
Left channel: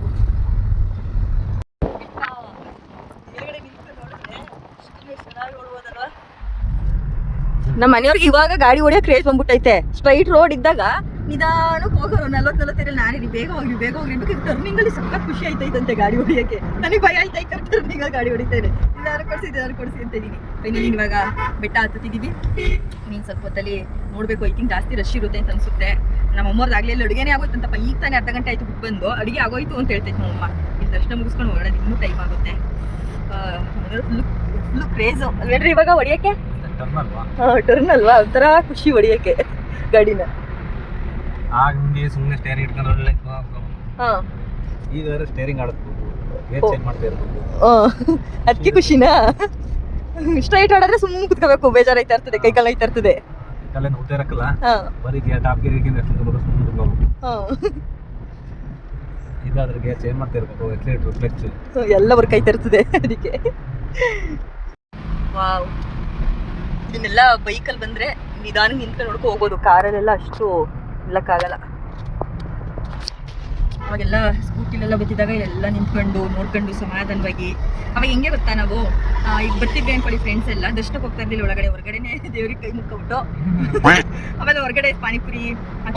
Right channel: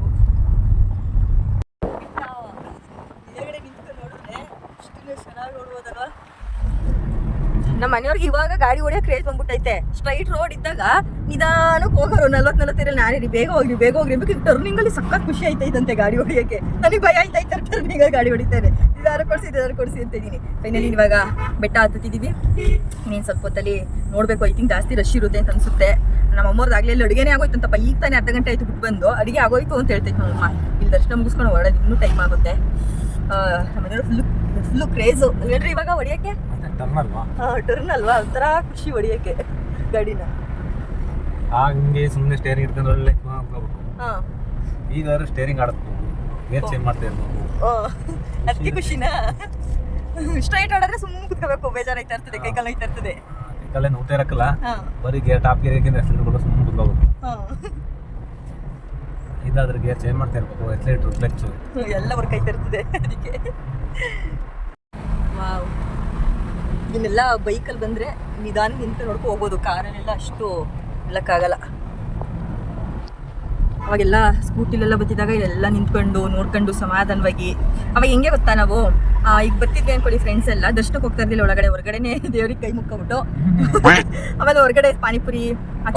ನಮ್ಮ ಮನೆಯವ್ರಿಗೆ ಇವಾಗ ಗಾಡಿ ಹೊಡಿಯೋಕೆ ಕ್ರೇಜ್ ಬಂದ್ಬಿಟ್ಟೈತೆ. ಸ್ಟ್ರೈಟ್ ರೋಡ್ ಇದ್ದಾಗ ನಿಧಾನಕ್ಕೆ ಹೋಗೋರು 40 ನಾನೇ ಬೇಗ ಹೋಗ್ರಿ ಬೇಕು. ಟರ್ನಿಂಗ್ ಅಲ್ಲಿ ಸಖತ್ ಖುಷಿ ಆಯ್ತೈತಂತೆ ಗಾಡಿ ಹೊಡಿಯೋಕೆ. ನನಗೆ ಭಯ ಆಯ್ತಾಯ್ತಾರೆ ಟರ್ನಿಂಗ್ ಅಲ್ಲಿ ಗಾಡಿ ಹೊಡಿತೇನೆ. ಇದಾರು ಕೊಡಿಸಿ ಅಂತ ಇದ್ದೀನಿ. ಫೈನಲಿ ಇವಾಗ ಬೆಟ್ಟ ಹತ್ತಿದ್ದೀವಿ. ನೀನು ಸ್ವಲ್ಪ ಹೊತ್ತಲ್ಲಿ ನೋಡಬೇಕು. ಐ ಥಿಂಕ್ ಜಾಸ್ತಿ ರಶ್ ಇರುತ್ತೆ ಅಂತ ಅನ್ಸುತ್ತೆ. ನಮ್ಮ ಅಮ್ಮವ್ರದ್ದಾಗಲೇ ಇಲ್ಲಿ ಅಡುಗೆನೇ ಆಗೋಯ್ತಂತಪ್ಪ. ಈಗ ತಾನೇ ಅರ್ಧ ಗಂಟೆ ಆಯ್ತು ಬಿಟ್ಟು ಬಂದು ಅಡುಗೆ ಆಗೋಯ್ತು ಅಂತ ಹೇಳ್ತೈತೆ ನಮ್ಮಮ್ಮ. ಇಲ್ಲಿ ದರ್ಶನ ಮುಗಿಸ್ಕೊಂಡು ಹೊರಡೋದು ಇನ್ನೂ ಟೈಮ್ ಆಗುತ್ತೆ. ನಮ್ಮ ಮನೆಯವರು ಫುಲ್ಲು ಕ್ರೇಜು ಅಲ್ವೇನ್ರಿ ಇವಾಗ ಹೊಡಿಯೋಕ್ಕೆ. ಟರ್ನ್ ಅಲ್ವಾ ಟರ್ನ್ ಅಲ್ವಾ ಒಂಥರ ಖುಷಿ ಹೊಡಿಯೋಕ್ಕೆ ಗಾಡಿನ. ಹಂಗೆ ಸುಮ್ಮನೆ ಸ್ಟೇರಿಂಗ್ ಹಿಡ್ಕೊಂಡು ಒಳ್ಳೆ ಹಾಂ ಈಗ ಸ್ಟೇರಿಂಗ್ ಆಡಬೇಕು, ಗೇರ್ ಚೇಂಜ್ ಮಾಡ್ತಾ ಇರಬೇಕು. ಅದಕ್ಕೆ ಖುಷಿನಾ? ಸ್ಟ್ರೈಟ್ ಆಡಿದ್ರೆ ಸುಮ್ಮನೆ ಕುತ್ಕೋಬೇಕು, ಬೇಜಾರಾಯ್ತಾ ಇರ್ತದೆ, ಕೈಕಾಲು ಐತಾ ಇರ್ತದೆ. ಕೈಕಾಲೆ ನೋಡ್ತಾ ಇರಕ್ಕಲ್ಲ, ಹಾಂ ಬರೀ ಗೇರ್ ಟಾಪ್ ಗೇರಿಗೆ ಎಕ್ಸಲೇಟರ್ ಸುಮ್ಮನೆ ಕುತ್ಕೋಬೇಕು. ಹಾಂ ಇದಾದ್ರೆ ಗೇರ್ ಚೇಂಜ್ ಮಾಡ್ತಾ ಇರಬೇಕು, ಎಕ್ಸಲೇಟರ್ ಕ್ಲಚ್ ಎಲ್ಲ ವರ್ಕ್ ಆಯ್ತಾ ಇರ್ತದೆ ಅದಕ್ಕೆ. ವಾವ್, ಇದನ್ನೆಲ್ಲ ಬೈಕಲ್ಲಿ ಬಂದರೆ ನಿಧಾನ ನಿಂತ್ಕೊಂಡು ನೋಡ್ಕೊ ಹೋಗ್ಬೋದು, ಕಾರಲ್ಲೆಲ್ಲ ಅಷ್ಟು ನಿಲ್ಲಕ್ಕಾಗಲ್ಲ. ಅವಾಗೆಲ್ಲ ಸ್ಕೂಟಿಲೆಲ್ಲ ಬತ್ತಿದಾಗ ಇಲ್ಲೆಲ್ಲ ನಿಂತ್ಕೊಂಡು ನೋಡ್ಕೊಂಡು ಸಮಾಧಾನವಾಗಿ. ಅವಾಗ ಹೆಂಗೆ ಗೊತ್ತಾ, ನಾವು ಈಗ ಬರ್ತಿದ್ವಿ ಅನ್ಕೊಳ್ಳಿ ಫ್ರೆಂಡ್ಸ್ ಎಲ್ಲ, ದರ್ಶನಕ್ಕೆ ಹೋಗ್ತಾ ಇರ್ಲಿಲ್ಲ, ಹೊರಗಡೆನೆ ದೇವ್ರಿಗೆ ಕೈ ಮುಕ್ಕೊಬಿಟ್ಟು ಆಮೇಲೆ ಹೊರಗಡೆ ಪಾನಿಪುರಿ,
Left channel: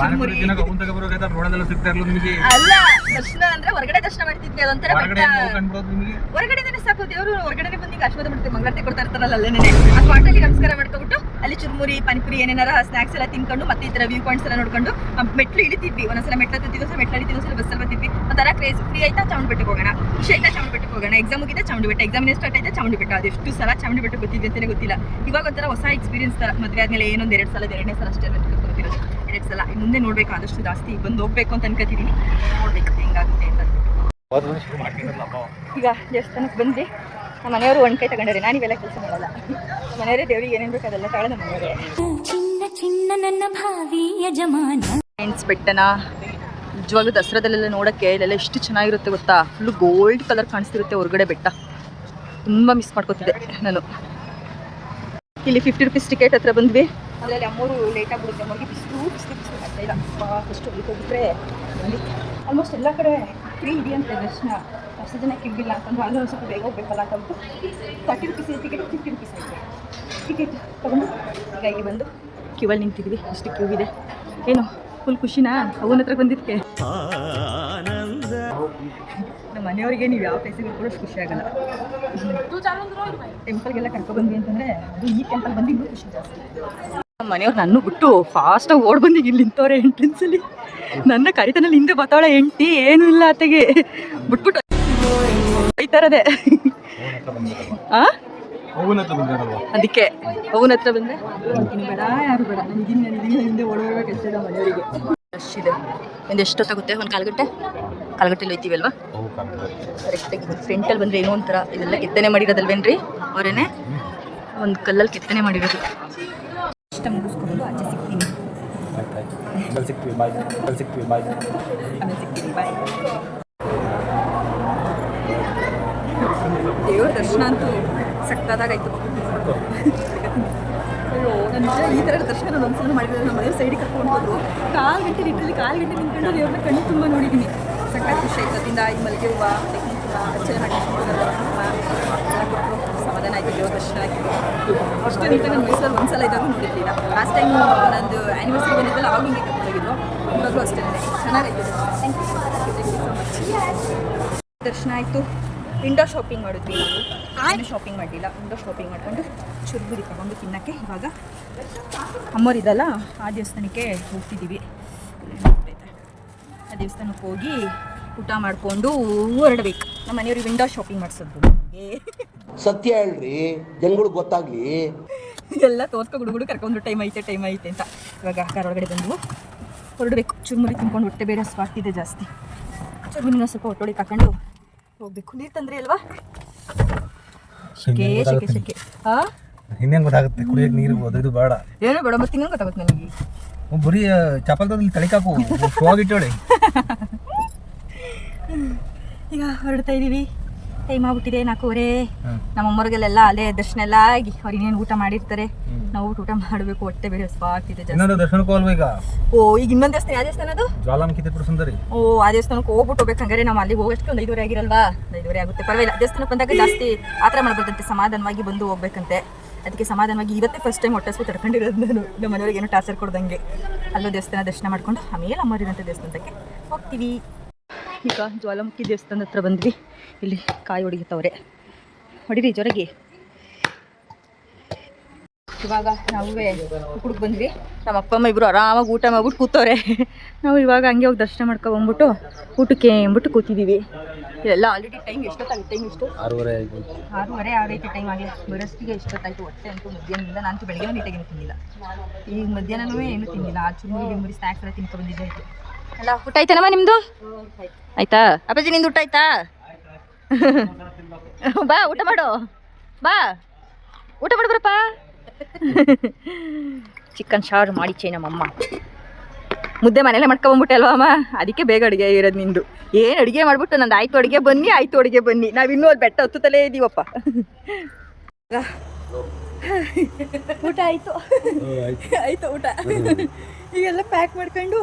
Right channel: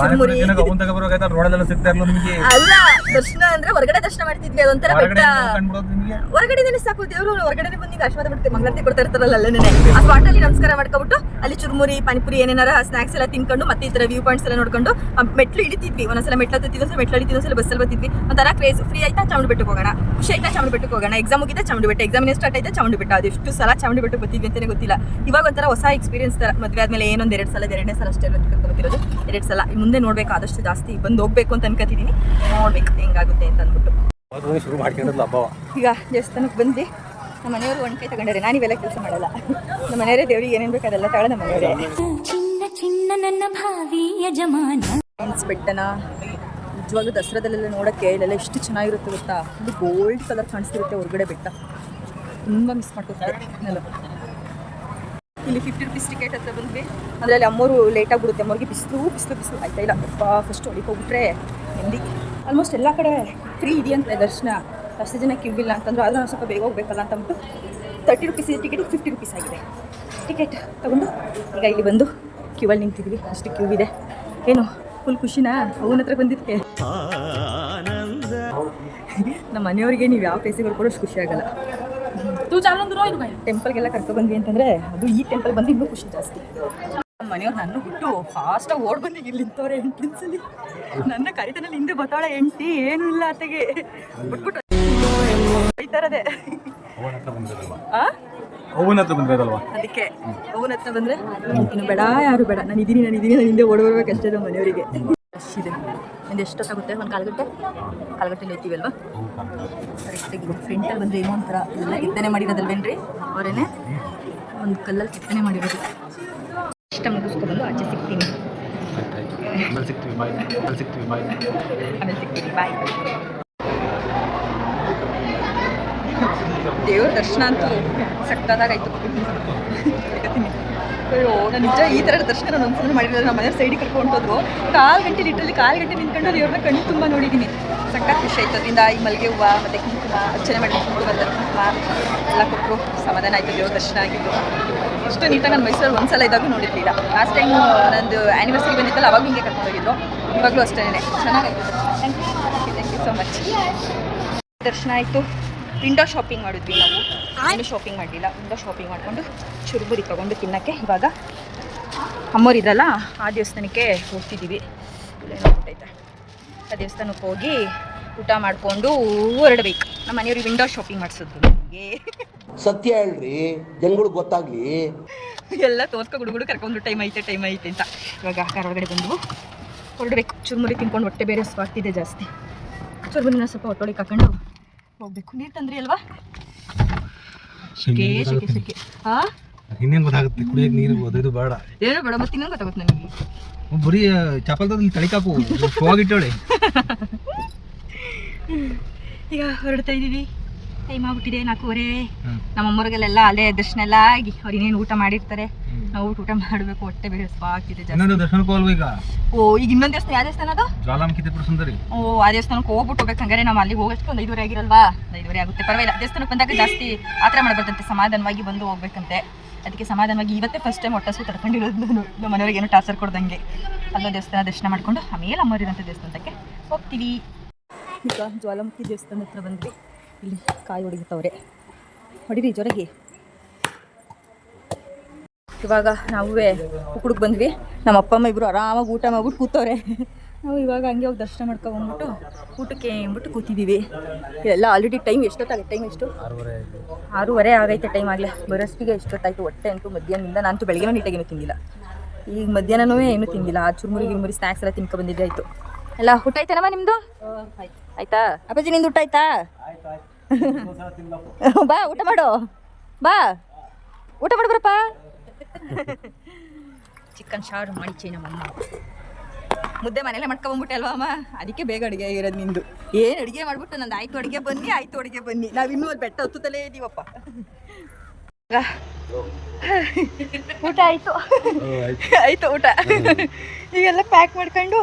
ಚುರುಮುರಿ ರೋಡಲ್ಲೆಲ್ಲ ಸಿಗ್ತಾ ಇರಲ್ಲ ನಿಮಗೆ. ಅಲ್ಲ, ದರ್ಶನ ಅಂದ್ರೆ ಹೊರಗಡೆ ದರ್ಶನ ಮಾಡ್ತಿದ್ವಿ, ಅದೊಂಥರ ಬೆಟ್ಟ. ಹೊರಗಡೆನೇ ಸಾಕು, ದೇವರು ಹೊರಗಡೆ ಬಂದು ಆಶೀರ್ವಾದ ಮಾಡ್ತೀವಿ, ಮಂಗಳಾರತಿ ಕೊಡ್ತಾ ಇರ್ತಾರಲ್ಲ ಅಲ್ಲೇನೆ. ಆ ಸ್ಪಾಟಲ್ಲಿ ನಮಸ್ಕಾರ ಮಾಡ್ಕೊಬಿಟ್ಟು ಅಲ್ಲಿ ಚುರುಮುರಿ ಪಾನಿಪುರಿ ಏನೇನಾರ ಸ್ನಾಕ್ಸ್ ಎಲ್ಲ ತಿನ್ಕೊಂಡು ಮತ್ತೆ ಈ ಥರ ವ್ಯೂ ಪಾಯಿಂಟ್ಸ್ ಎಲ್ಲ ನೋಡ್ಕೊಂಡು ಮೆಟ್ಲು ಇಳಿತಿದ್ವಿ. ಒಂದೊಂದ್ಸಲ ಮೆಟ್ಲು ಹತ್ತಿದ್ವಿ, ಮೆಟ್ಲು ಇಳಿತಿದ್ವಿ, ಒಂದ್ಸಲ ಬಸ್ಸಲ್ಲಿ ಬರ್ತಿದ್ವಿ. ಒಂಥರ ಕ್ರೇಜ್. ಫ್ರೀ ಆಯ್ತಾ ಚಾಮುಂಡಿ ಬೆಟ್ಟಕ್ಕೆ ಹೋಗೋಣ, ಖುಷಿ ಆಯ್ತಾ ಚಾಮುಂಡಿ ಬೆಟ್ಟಕ್ಕೆ ಹೋಗೋಣ, ಎಕ್ಸಾಮ್ ಮುಗಿದ ಚಾಮುಂಡಿ ಬೆಟ್ಟ, ಎಕ್ಸಾಮಿನ ಸ್ಟಾರ್ಟ್ ಆಯ್ತಾ ಚಾಮುಂಡಿ ಬೆಟ್ಟ. ಅದೆಷ್ಟು ಸಲ ಚಾಮುಂಡಿ ಬೆಟ್ಟಕ್ಕೆ ಬರ್ತಿದ್ವಿ ಅಂತಲೇ ಗೊತ್ತಿಲ್ಲ. ಇವಾಗ ಒಂಥರ ಹೊಸ ಎಕ್ಸ್ಪೀರಿಯನ್ಸ್ ಥರ. ಮದುವೆ ಆದಮೇಲೆ ಏನೊಂದು 2 ಸಲ, 2ನೇ ಸಲ ಅಷ್ಟೇ ಬರ್ತಿರೋದು, 2 ಸಲ. ಮುಂದೆ ನೋಡ್ಬೇಕು, ಆದಷ್ಟು ಜಾಸ್ತಿ ಬಂದು ಹೋಗ್ಬೇಕು ಅಂತ ಅನ್ಕೋತಿದ್ದೀನಿ. ನೋಡ್ಬೇಕು ಹೆಂಗಾಗುತ್ತೆ ಅಂತ ಅಂದ್ಬಿಟ್ಟು. ಶುರು ಮಾಡ್ಕೊಂಡಿರಲ್ಲ ಹಬ್ಬ. ಈಗ ದೇವಸ್ಥಾನಕ್ಕೆ ಬಂದ್ವಿ. ನಮ್ಮ ಮನೆಯವರು ಒಂದು ಕೈ ತಗೊಂಡಾರೆ, ನಾನು ಇವೆಲ್ಲ ಕೆಲಸ ಮಾಡಲ್ಲ. ನಮ್ಮ ಮನೆಯವರೇ ದೇವ್ರಿಗೆ ಏನೇನು ಬೇಕು ಅದೆಲ್ಲ ತಗೊಳ್ಳಿ ನಮ್ಮ ಮನೆಯವರೇ. ಚಿನ್ನ ನನ್ನ ಭಾವಿ ಯಜಮಾನ. ಫ್ರೆಂಡ್ಸ್, ಬೆಟ್ಟನ ನಿಜವಾಗ್ಲೂ ದಸರಾದಲ್ಲೆಲ್ಲ ನೋಡೋಕ್ಕೆ ಇಲ್ಲೆಲ್ಲ ಎಷ್ಟು ಚೆನ್ನಾಗಿರುತ್ತೆ ಗೊತ್ತಾ. ಫುಲ್ಲು ಗೋಲ್ಡ್ ಕಲರ್ ಕಾಣಿಸ್ತಿರುತ್ತೆ ಹೊರಗಡೆ ಬೆಟ್ಟ. ತುಂಬ ಮಿಸ್ ಮಾಡ್ಕೊತಿದ್ದೆ ನಾನು. ಇಲ್ಲಿ 50 ರೂಪೀಸ್ ಟಿಕೆಟ್ ಹತ್ರ ಬಂದ್ವಿ. ಅದರಲ್ಲಿ ಅಮ್ಮೋರು ಲೇಟಾಗಿ ಬಿಡುತ್ತೆ, ಅಮ್ಮವ್ರಿಗೆ ಬಿಸಿಲು ಆಯ್ತಾ ಇಲ್ಲ. ಫಸ್ಟ್ ಹೊಲಿಗೆ ಹೋಗ್ಬಿಟ್ರೆ ಬಂದು ಆಲ್ಮೋಸ್ಟ್ ಎಲ್ಲ ಕಡೆ ಫ್ರೀ ಇದೆಯಂತೆ ದರ್ಶನ. ಅಷ್ಟು ಜನ ಕ್ಯೂ ಇಲ್ಲ ಅಂತಂದ್ರೆ ಆದರೂ ಒಂದು ಸ್ವಲ್ಪ ಬೇಗ ಹೋಗ್ಬೇಕಲ್ಲ ಅಂತ ಅಂದ್ಬಿಟ್ಟು 30 ರೂಪೀಸ್ ಇದೆ ಟಿಕೆಟ್, 50 ರೂಪೀಸ್ ಆಗಿದೆ. ಟಿಕೆಟ್ ತೊಗೊಂಡು ಈಗ ಇಲ್ಲಿ ಬಂದು ಕ್ಯೂವಲ್ಲಿ ನಿಂತಿದ್ವಿ. ಅಷ್ಟು ಕ್ಯೂ ಇದೆ. ಏನು ಫುಲ್ ಖುಷಿನಾ ಅವನ ಹತ್ರ ಬಂದಿದ್ದಕ್ಕೆ? ನಮ್ಮ ಮನೆಯವರಿಗೆ ನೀವು ಯಾವ ಪ್ಲೇಸಿಗೆ ಕೂಡ ಅಷ್ಟು ಖುಷಿ ಆಗಲ್ಲ. ಟೆಂಪಲ್ಗೆಲ್ಲ ಕರ್ಕೊಬಂದ್ವಿ ಅಂತಂದರೆ ಅದು ಈ ಟೆಂಪಲ್ ಬಂದು ಇನ್ನೂ ಖುಷಿ ಜಾಸ್ತಿ. ನಮ್ಮ ಮನೆಯವ್ರು ನನ್ನ ಬಿಟ್ಟು ಫಾಸ್ಟಾಗಿ ಓಡ್ ಬಂದಿಗೆ ಇಲ್ಲಿ ನಿಂತವ್ರೆ ಎಂಟ್ರೆನ್ಸಲ್ಲಿ. ನನ್ನ ಕರಿತನಲ್ಲಿ ಹಿಂದೆ ಬರ್ತಾವಳೆ ಹೆಂಡ್ತಿ, ಏನೂ ಇಲ್ಲ ಆತೆಗೆ ಬಿಟ್ಬಿಟ್ಟು ಬೈತಾರದೆ. ಅವನ ಹತ್ರ ಬಂದಿರೋದಲ್ವಾ, ಅದಕ್ಕೆ ಅವನ ಹತ್ರ ಬಂದರೆ ಇನ್ನು ಬೇಡ, ಯಾರು ಬೇಡ, ನಾನು ಇದ್ದೀನಿ ನಾನು ಹಿಂದೆ ಓಡೋರ್ಬೇಕಷ್ಟೇ. ನಮ್ಮ ಮನೆಯವರಿಗೆ ರಶ್ ಇದೆ. ಒಂದು ಎಷ್ಟೊತ್ತಾಗುತ್ತೆ? ಒಂದು ಕಾಲ್ಗಟ್ಟೆಲಿ ಹೋಯ್ತೀವಿ ಅಲ್ವಾ? ಕರೆಕ್ಟಾಗಿ ಫ್ರಂಟಲ್ಲಿ ಬಂದರೆ ಏನೋ ಒಂಥರ ಇದೆಲ್ಲ ಕೆತ್ತನೆ ಮಾಡಿರೋದಲ್ವೇನ್ರಿ ಅವರೇನೆ, ಒಂದು ಕಲ್ಲಲ್ಲಿ ಕೆತ್ತನೆ ಮಾಡಿರೋದು. ಇಷ್ಟ ಮುಗಿಸ್ಕೊಬಂದು ಆಚೆ ಸಿಗ್ತೀನಿ. ಆಮೇಲೆ ಸಿಗ್ತೀನಿ, ಬಾಯ್. ದೇವ್ರ ದರ್ಶನ ಅಂತೂ ಸಕ್ಕತ್ತಾಗಾಯ್ತು. ಬರ್ಕತ್ತೀನಿ. ಅಯ್ಯೋ, ನಾನು ನಿಜ ಈ ಥರ ದರ್ಶನ ನಾನು ಒಂದ್ಸಲ ಮಾಡಿರೋದು. ನಮ್ಮ ಮನೆಯವ್ರು ಸೈಡಿಗೆ ಕರ್ಕೊಂಡು ಹೋದ್ರು. 4 ಗಂಟೆ ನಿಂತ್ಕೊಂಡು ದೇವ್ರನ್ನ ಕಣ್ಣು ತುಂಬ ನೋಡಿದ್ದೀನಿ. ಸಕ್ಕತ್ ಖುಷಿ ಆಯ್ತು. ಅದರಿಂದ ಈ ಮಲ್ಲಿಗೆ ಹೂವು ಮತ್ತು ಕುಂಕುಮ, ಅರ್ಚನೆ ಮಾಡಿ ಕುಂಕುಮ ಎಲ್ಲ ಕೊಟ್ಟರು. ಸಮಾಧಾನ ಆಯಿತು, ದೇವ್ರ ದರ್ಶನ ಆಗಿದ್ದು. ಇಷ್ಟು ನೀಟಾಗಿ ನಾನು ಮೈಸೂರಲ್ಲಿ ಒಂದ್ಸಲ ಇದ್ದಾಗೂ ನೋಡಿರಲಿಲ್ಲ. ಲಾಸ್ಟ್ ಟೈಮು ನಂದು ಆ್ಯನಿವರ್ಸರಿ ಬಂದಿದ್ದಲ್ಲ, ಅವಾಗ ಹಿಂಗೆ ಕರ್ಕೊಂಡೋಗಿದ್ರು. ಇವಾಗಲೂ ಅಷ್ಟೇ ಚೆನ್ನಾಗಾಯ್ತು ದರ್ಶನ. Thank you so much. ದರ್ಶನ ಆಯಿತು. ವಿಂಡೋ ಶಾಪಿಂಗ್ ಮಾಡಿದ್ವಿ ನಾವು. ಏನು ಶಾಪಿಂಗ್ ಮಾಡಲಿಲ್ಲ, ವಿಂಡೋ ಶಾಪಿಂಗ್ ಮಾಡಿಕೊಂಡು ಚುರುಮುರಿ ತೊಗೊಂಡು ತಿನ್ನೋಕ್ಕೆ ಇವಾಗ ಅಮ್ಮೋರಿದಲ್ಲ ಆ ದೇವಸ್ಥಾನಕ್ಕೆ ಹೋಗ್ತಿದ್ದೀವಿ. ಏನೋ ಗೊತ್ತೈತೆ, ಆ ದೇವಸ್ಥಾನಕ್ಕೆ ಹೋಗಿ ಊಟ ಮಾಡಿಕೊಂಡು ಹೊರಡಬೇಕು. ನಮ್ಮ ಮನೆಯವ್ರಿಗೆ ವಿಂಡೋ ಶಾಪಿಂಗ್ ಮಾಡಿಸಿದ್ರು. ನನಗೆ ಸತ್ಯ ಹೇಳ್ರಿ, ಜನಗಳಿಗೆ ಗೊತ್ತಾಗ್ಲಿ. ಎಲ್ಲ ತೋರ್ಸ್ಕೊ ಹುಡುಗರು ಕರ್ಕೊಂಡು ಟೈಮ್ ಐತೆ ಅಂತ ಇವಾಗ ಕಾರ್ ಒಳಗಡೆ ಬಂದು ಹೊರಡಬೇಕು. ಚುರುಮುರಿ ತಿನ್ಕೊಂಡು ಹೊಟ್ಟೆ ಬೇರೆ ಸ್ವಾಗ್ತಿದೆ ಜಾಸ್ತಿ. ಚುರುಮುರಿನ ಸ್ವಲ್ಪ ಹೊಟ್ಟೊಳಿಗೆ ಹಾಕೊಂಡು ಹೋಗ್ಬೇಕು. ನೀರು ತಂದ್ರಿ ಅಲ್ವಾ? ಶೆಕೆ ಹಾಂ, ಇನ್ನೇನು ಗೊತ್ತಾಗುತ್ತೆ? ಕುಡಿಯೋಕೆ ನೀರು ಇದು ಬೇಡ, ಏನೋ ಬೇಡ. ಮತ್ತೆ ಇನ್ನೇನು ಗೊತ್ತಾಗುತ್ತೆ ನನಗೆ? ಬರೀ ಚಪ್ಪಲ್ದಲ್ಲಿ ತಳಿಕಾಕು ಹೋಗಿಟ್ಟಾಳೆ. ಈಗ ಹೊರಡ್ತಾ ಇದ್ದೀವಿ. ಟೈಮ್ ಆಗ್ಬಿಟ್ಟಿದೆ 4:30. ನಮ್ಮಮ್ಮವ್ರಿಗೆಲ್ಲ ಅಲ್ಲೇ ದರ್ಶನ ಎಲ್ಲ ಆಗಿ ಅವ್ರು ಇನ್ನೇನು ಊಟ ಮಾಡಿರ್ತಾರೆ. ನಾವು ಊಟ ಮಾಡಬೇಕು, ಹೊಟ್ಟೆ ಬೇರೆ ಸ್ವಾಗ್ತಿದೆ ಜಾಸ್ತಿ. ದರ್ಶನಕ್ಕೆ ಹೋಲ್ವ ಈಗ? ಓ, ಈಗ ಇನ್ನೊಂದು ದೇವಸ್ಥಾನ, ಯಾವ ದೇವಸ್ಥಾನ ಅದು? ಜ್ವಾಲಾಮುಖಿ ತ್ರಿಪುರ ಸುಂದರಿ. ಓ, ಆ ದೇವಸ್ಥಾನಕ್ಕೆ ಹೋಗ್ಬಿಟ್ಟು ಹೋಗ್ಬೇಕಂಗಾರೆ ನಾವು ಅಲ್ಲಿಗೆ ಹೋಗೋಷ್ಟು ಒಂದು 5:30 ಆಗಿರಲ್ವಾ? 5:30 ಆಗುತ್ತೆ, ಪರವಾಗಿಲ್ಲ. ದೇವಸ್ಥಾನಕ್ಕೆ ಬಂದಾಗ ಜಾಸ್ತಿ ಆ ಥರ ಮಾಡಬಾರ್ದಂತೆ, ಸಮಾಧಾನವಾಗಿ ಬಂದು ಹೋಗ್ಬೇಕಂತೆ. ಅದಕ್ಕೆ ಸಮಾಧಾನವಾಗಿ ಇವತ್ತೇ ಫಸ್ಟ್ ಟೈಮ್ ಹೊಟ್ಟೆ ಹಸಿವು ತಡ್ಕೊಂಡಿರೋದು ನಾನು. ನಮ್ಮ ಮನೆಯವ್ರಿಗೆ ಏನೋ ಟಾರ್ಚರ್ ಕೊಡ್ದಂಗೆ ಅಲ್ಲೋ ದೇವಸ್ಥಾನ ದರ್ಶನ ಮಾಡ್ಕೊಂಡು ಆಮೇಲೆ ಅಮ್ಮರಿರೋಂಥ ದೇವಸ್ಥಾನಕ್ಕೆ ಹೋಗ್ತೀವಿ. ಈಗ ಜ್ವಾಲಾಮುಖಿ ದೇವಸ್ಥಾನದ ಹತ್ರ ಬಂದ್ವಿ. ಇಲ್ಲಿ ಕಾಯಿ ಹೊಡಿತವ್ರೆ, ಹೊಡಿರಿ ಜೋರಾಗಿ. ಇವಾಗ ನಾವೇ ಉಕ್ಕುಡ್ಗೆ ಬಂದ್ವಿ. ನಮ್ಮ ಅಪ್ಪ ಅಮ್ಮ ಇಬ್ಬರು ಆರಾಮಾಗಿ ಊಟ ಮಾಡ್ಬಿಟ್ಟು ಕೂತವ್ರೆ. ನಾವು ಇವಾಗ ಹಂಗೆ ಹೋಗಿ ದರ್ಶನ ಮಾಡ್ಕೊಬಂದ್ಬಿಟ್ಟು ಊಟಕ್ಕೆ ಅಂದ್ಬಿಟ್ಟು ಕೂತಿದ್ದೀವಿ. ಎಲ್ಲ ಆಲ್ರೆಡಿ ಟೈಮ್ ಎಷ್ಟೊತ್ತಾಗುತ್ತೆ? ಟೈಮ್ ಎಷ್ಟು? 6:30 ಆಗೈತೆ ಟೈಮ್ ಆಗಲೇ. ಬರೋಷ್ಟಿಗೆ ಎಷ್ಟೊತ್ತಾಯಿತು? ಹೊಟ್ಟೆ ಅಂತೂ ಮಧ್ಯಾಹ್ನದಿಂದ ನಾನು ಬೆಳಗ್ಗೆ ನೀಟಾಗೇನು ತಿಂದಿಲ್ಲ. ಈಗ ಮಧ್ಯಾಹ್ನನೂ ಏನೂ ತಿಂದಿಲ್ಲ. ಆ ಚುರುಮುರಿ ಸ್ನ್ಯಾಕ್ಸ್ ಎಲ್ಲ ತಿನ್ಕೊ ಬಂದಿದ್ದೆ ಆಯಿತು. ಎಲ್ಲ ಊಟ ಆಯ್ತಾನಮ್ಮ ನಿಮ್ಮದು? ಆಯ್ತಾ ಅಪ್ಪಾಜಿ? ನಿಂದು ಊಟ ಆಯ್ತಾ? ಬಾ ಊಟ ಮಾಡು, ಬಾ ಊಟ ಮಾಡು ಬರಪ್ಪ. ಚಿಕನ್ ಸಾರು ಮಾಡಿಚ್ಚೆ ನಮ್ಮಮ್ಮ. ಮುದ್ದೆ ಮನೇಲೆ ಮಾಡ್ಕೊಬಂದ್ಬಿಟ್ಟೆ ಅಲ್ವಾ ಅಮ್ಮ? ಅದಕ್ಕೆ ಬೇಗ ಅಡುಗೆ ಇರೋದು ನಿಂದು. ಏನು ಅಡುಗೆ ಮಾಡಿಬಿಟ್ಟು ನಂದು ಆಯ್ತು ಅಡುಗೆ ಬನ್ನಿ, ಆಯ್ತು ಅಡುಗೆ ಬನ್ನಿ. ನಾವಿನ್ನೂ ಅದು ಬೆಟ್ಟ ಹತ್ತುತ್ತಲೇ ಇದ್ದೀವಪ್ಪ. ಊಟ ಆಯಿತು, ಆಯಿತು ಊಟ. ಈಗೆಲ್ಲ ಪ್ಯಾಕ್ ಮಾಡ್ಕೊಂಡು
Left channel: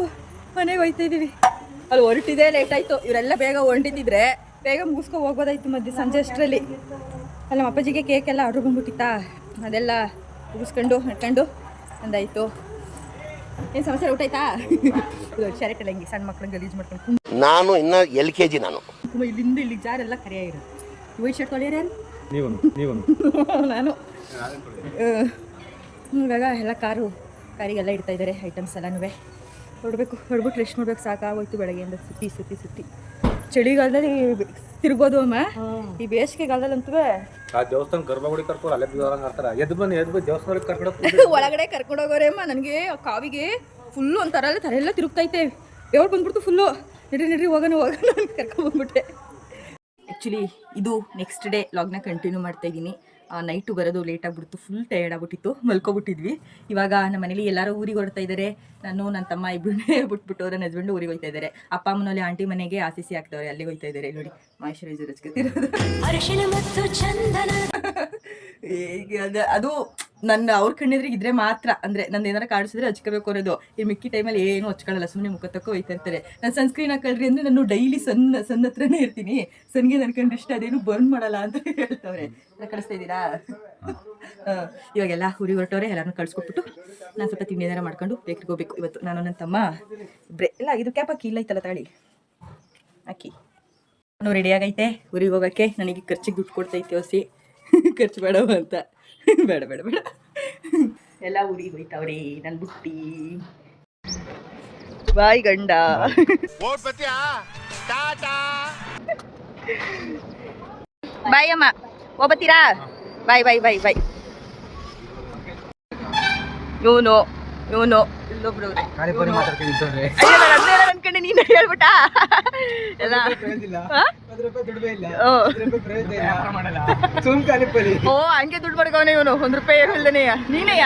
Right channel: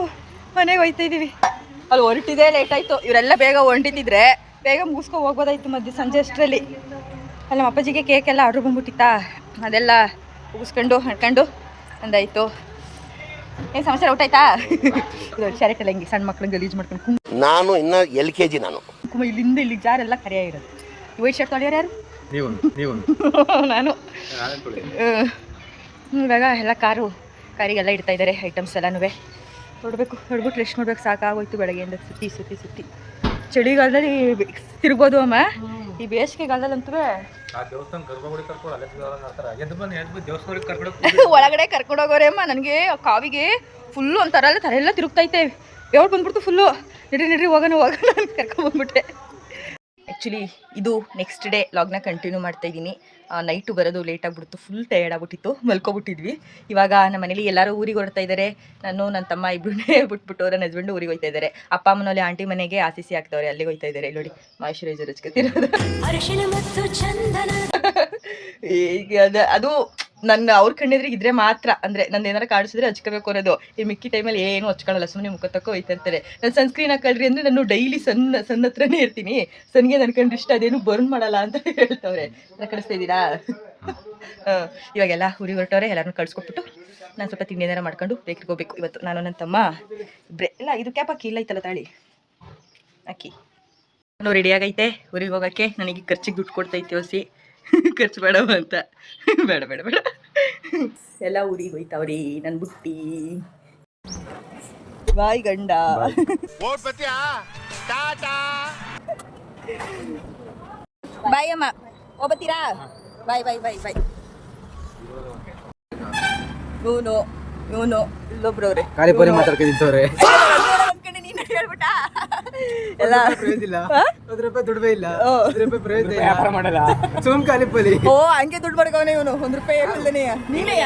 ಮನೆಗೆ ಹೋಯ್ತಾ ಇದ್ದೀವಿ. ಅಲ್ಲಿ ಹೊರಟಿದೆ ಲೇಟ್ ಆಯಿತು. ಇವರೆಲ್ಲ ಬೇಗ ಹೊಂಟಿದ್ದಿದ್ರೆ ಬೇಗ ಮುಗಿಸ್ಕೊ ಹೋಗ್ಬೋದಾಯ್ತು ಮಧ್ಯೆ ಸಂಜೆ ಅಷ್ಟರಲ್ಲಿ. ಅಲ್ಲ ನಮ್ಮ ಅಪ್ಪಾಜಿಗೆ ಕೇಕ್ ಎಲ್ಲ ಆರ್ಡ್ರ್ ಬಂದ್ಬಿಟ್ಟಿತ್ತಾ, ಅದೆಲ್ಲ ಮುಗಿಸ್ಕೊಂಡು ಹಣ್ಕೊಂಡು ಅಂದಾಯಿತು. ಏನು ಸಮಾಚಾರ? ಊಟ ಆಯ್ತಾ? ಶಾಲೆಟೆಲ್ಲ ಹಿಂಗೆ ಸಣ್ಣ ಮಕ್ಳಿಗೆ ಗಲೀಜು ಮಾಡ್ಕೊಂಡು ನಾನು ಇನ್ನ LKG ನಾನು ಇಲ್ಲಿಂದ ಇಲ್ಲಿಗೆ ಜಾರೆಲ್ಲ ಕರೆಯಾಗಿರೋದು. ವೈಟ್ ಶರ್ಟ್ ತೊಳೆಯೋರು ಯಾರು? ನೀವು ನಾನು. ಇವಾಗ ಎಲ್ಲ ಕಾರಿಗೆಲ್ಲ ಇಡ್ತಾ ಇದ್ದಾರೆ ಐಟಮ್ಸ್ ಎಲ್ಲನೂ. ಹೊಡ್ಬಿಟ್ಟು ರೆಸ್ಟ್ ಮಾಡ್ಬೇಕು. ಸಾಕಾಗೋಯ್ತು ಬೆಳಗ್ಗೆಯಿಂದ ಸುತ್ತಿ. ಚಳಿಗಾಲದಲ್ಲಿ ತಿರ್ಬೋದು ಅಮ್ಮ. ಈ ಬೇಸಿಗೆಗಾಲದಲ್ಲಂತೂ ದೇವಸ್ಥಾನ ಗರ್ಭಗುಡಿ ಕರ್ಕೊಂಡು ಅಲ್ಲೇ ಎದ್ದು ಬಂದು ದೇವಸ್ಥಾನಕ್ಕೆ ಕರ್ಕೊಂಡು ಒಳಗಡೆ ಕರ್ಕೊಂಡೋಗೋರೆ ಅಮ್ಮ. ನನಗೆ ಕಾವಿಗೆ ಫುಲ್ಲು ಒಂಥರ ಎಲ್ಲ ತಲೆ ಎಲ್ಲ ತಿರುಗ್ತೈತೆ. ಯಾವಾಗ ಬಂದ್ಬಿಡ್ತು ಫುಲ್ಲು. ನಡ್ರಿ ಹೋಗೋಣ ಅಂತ ಕರ್ಕೊಂಡ್ಬಂದ್ಬಿಟ್ಟೆ. ಆ್ಯಕ್ಚುಲಿ ಇದು ನೆಕ್ಸ್ಟ್ ಡೇ ಲಾಗ್ನ ಕಂಟಿನ್ಯೂ ಮಾಡ್ತಾಯಿದ್ದೀನಿ. ನೈಟು ಬರೋದು ಲೇಟ್ ಆಗಿಬಿಡ್ತು, ಫುಲ್ ಟಯರ್ಡ್ ಆಗ್ಬಿಟ್ಟಿತ್ತು, ಮಲ್ಕೊಬಿಟ್ಟಿದ್ವಿ. ಇವಾಗ ನಮ್ಮ ಮನೇಲಿ ಎಲ್ಲರೂ ಊರಿಗೆ ಹೊರಡ್ತಾ ಇದ್ದಾರೆ. ನಾನು ನನ್ನ ತಮ್ಮ ಇಬ್ಬರನ್ನೇ ಬಿಟ್ಬಿಟ್ಟು ನನ್ನ ಹಸ್ಬೆಂಡು ಊರಿಗೆ ಹೋಗ್ತಾ ಇದ್ದಾರೆ. ಅಪ್ಪ ಅಮ್ಮನಲ್ಲಿ ಆಂಟಿ ಮನೆಗೆ ಆಸಿಸಿ ಆಗ್ತವ್ರೆ, ಅಲ್ಲಿಗೆ ಹೋಗ್ತಾ ಇದ್ದಾರೆ. ನೋಡಿ ಮಾಯಿಶ್ಚರೈಸರ್ ಹಚ್ಕೊತಿರೋದು. ಈಗ ಅದು ನನ್ನ ಅವ್ರ ಕಣ್ಣೆದ್ರಿಗೆ ಇದ್ರೆ ಮಾತ್ರ, ಅಂದರೆ ನಂದು ಏನಾರು ಕಾಣಿಸಿದ್ರೆ ಹಚ್ಕೋಬೇಕು ಅನ್ನೋದು. ಈ ಮಿಕ್ಕಿ ಟೈಮಲ್ಲಿ ಏನು ಹಚ್ಕೊಳ್ಳಲ್ಲ, ಸುಮ್ಮನೆ ಮುಖ ತಕ್ಕ ಹೋಯ್ತಾ ಇರ್ತಾರೆ. ನಾನು ಸನ್ಸ್ಕ್ರೀನ್ ಹಾಕೊಳ್ರಿ ಅಂದರೆ ನಾನು ಡೈಲಿ ಸಣ್ಣ ಹತ್ರನೇ ಇರ್ತೀನಿ. ಸನ್ಗೆ ನನ್ನ ಕಂಡು ಇಷ್ಟ, ಅದೇನು ಬರ್ನ್ ಮಾಡಲ್ಲ ಅಂತ ಹೇಳ್ತವ್ರೆ. ಕಳಿಸ್ತಾ ಇದ್ದೀರಾ? ಇವಾಗೆಲ್ಲ ಊರಿಗೆ ಹೊರಟವ್ರೆ. ಎಲ್ಲರನ್ನೂ ಕಳಿಸ್ಕೊಟ್ಬಿಟ್ಟು ನಾನು ಸ್ವಲ್ಪ ತಿಂಡಿ ಏನಾರ ಮಾಡ್ಕೊಂಡು ಬೇಕ್ರಿಗೆ ಹೋಗ್ಬೇಕು. ಇವತ್ತು ನಾನು ನನ್ನ ತಮ್ಮ ಇಬ್ಬರೇ. ಇಲ್ಲ ಇದು ಕ್ಯಾಪ್ ಹಾಕಿ, ಇಲ್ಲ ಐತಲ್ಲ ತಾಳಿ ಹಾಕಿ. ನಾನು ರೆಡಿಯಾಗೈತೆ ಊರಿಗೆ ಹೋಗೋಕ್ಕೆ. ನನಗೆ ಖರ್ಚಿಗೆ ದುಡ್ಡು ಕೊಡ್ತೈತೆ ಹೊಸಿ, ಖರ್ಚು ಬೇಡವ ಅಂತ. ಬೇಡ ಎಲ್ಲ ಊರಿಗೆ ಹೋಯ್ತಾವ್ರಿ ನನ್ನ ಬುಟ್ಟಿ. ಬಾಯ್ ಗಂಡ. ಬಾಯ್ ಅಮ್ಮ, ಹೋಗ್ಬತ್ತೀರಾ? ಬಾಯ್. ಇವನು ಇಲ್ಲೊಬ್ರು ಅವ್ರೆ. ಅನ್ಕೊಂಡೆ ನೀನು ಹೇಳ್ಬಿಟ್ಟ ಎಲ್ಲ. ಓ ಹಂಗೆ ದುಡ್ಡು ಮಾಡ್ಕವನೆ ಇವನು. 1 ರೂಪಾಯಿ ಇಲ್ದೇನೆ ನೀನೆಯ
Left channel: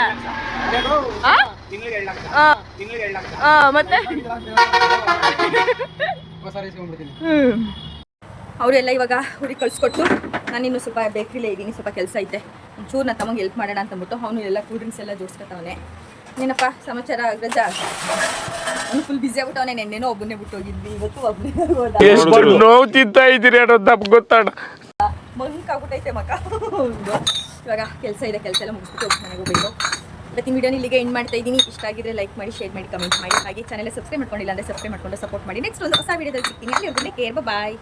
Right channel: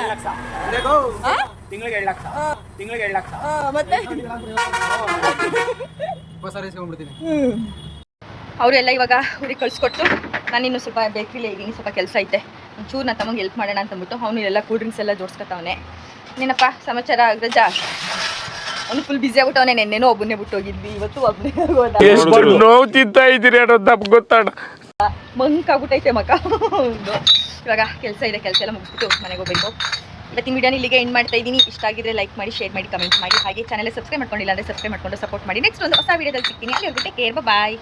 ಮತ್ತೆ ಅವರೆಲ್ಲ ಇವಾಗ ಊರಿಗೆ ಕಳ್ಸಿಕೊಟ್ಟು ನಾನಿನ್ನು ಸ್ವಲ್ಪ ಬೇಕ್ರಿಲೇ ಇದ್ದೀನಿ. ಸ್ವಲ್ಪ ಕೆಲಸ ಐತೆ, ಒಂಚೂರು ನನ್ನ ತಮಗೆ ಹೆಲ್ಪ್ ಮಾಡೋಣ ಅಂತಂದ್ಬಿಟ್ಟು ಅವನು ಎಲ್ಲ ಕೂಲ್ ಡ್ರಿಂಕ್ಸ್ ಎಲ್ಲ ಜೋಡಿಸ್ಕೊತಾವನೆ. ಏನಪ್ಪ ಸಮಾಚಾರ ಅಗ್ರಜ? ಅವನು ಫುಲ್ ಬಿಸಿ ಆಗ್ಬಿಟ್ಟವನೇ. ನೆನ್ನೆನೋ ಒಬ್ಬನೇ ಬಿಟ್ಟು ಹೋಗಿದ್ವಿ, ಇವತ್ತು ಒಬ್ಬನೇ ಗೊತ್ತಾಡ ಮಂಕ್ ಆಗ್ಬಿಟ್ಟೈತೆ ಮಕ್ಕ ಒಂದು. ಇವಾಗ ಕೆಲಸ ಇದೆ, ಕೆಲಸ ಎಲ್ಲ ಮುಗಿಸ್ಬಿಟ್ಟು ಮನೆಗೆ ಹೋಗ್ಬೇಕು. ಇವತ್ತಿನ ವಿಡಿಯೋನ ಇಲ್ಲಿಗೆ ಎಂಡ್ ಮಾಡ್ತಾ ಇದ್ದೀನಿ. ಇಷ್ಟ ಆಗಿದ್ರೆ ಲೈಕ್ ಮಾಡಿ, ಶೇರ್ ಮಾಡಿ, ಕಮೆಂಟ್ ಮಾಡಿ. ಹಾಗೆ ಚಾನೆಲ್ ಸಬ್ಸ್ಕ್ರೈಬ್ ಮಾಡ್ಕೊಂಡಿಲ್ಲ ಅಂದರೆ ಸಬ್ಸ್ಕ್ರೈಬ್ ಮಾಡ್ಕೊಂಡು ಸಪೋರ್ಟ್ ಮಾಡಿ. ನೆಕ್ಸ್ಟ್ ಒಂದು ಹೊಸ ವಿಡಿಯೋದಲ್ಲಿ ಸಿಗ್ತೀನಿ. ಅಲ್ಲಿ ಕೇರ್. ಬಾಯ್.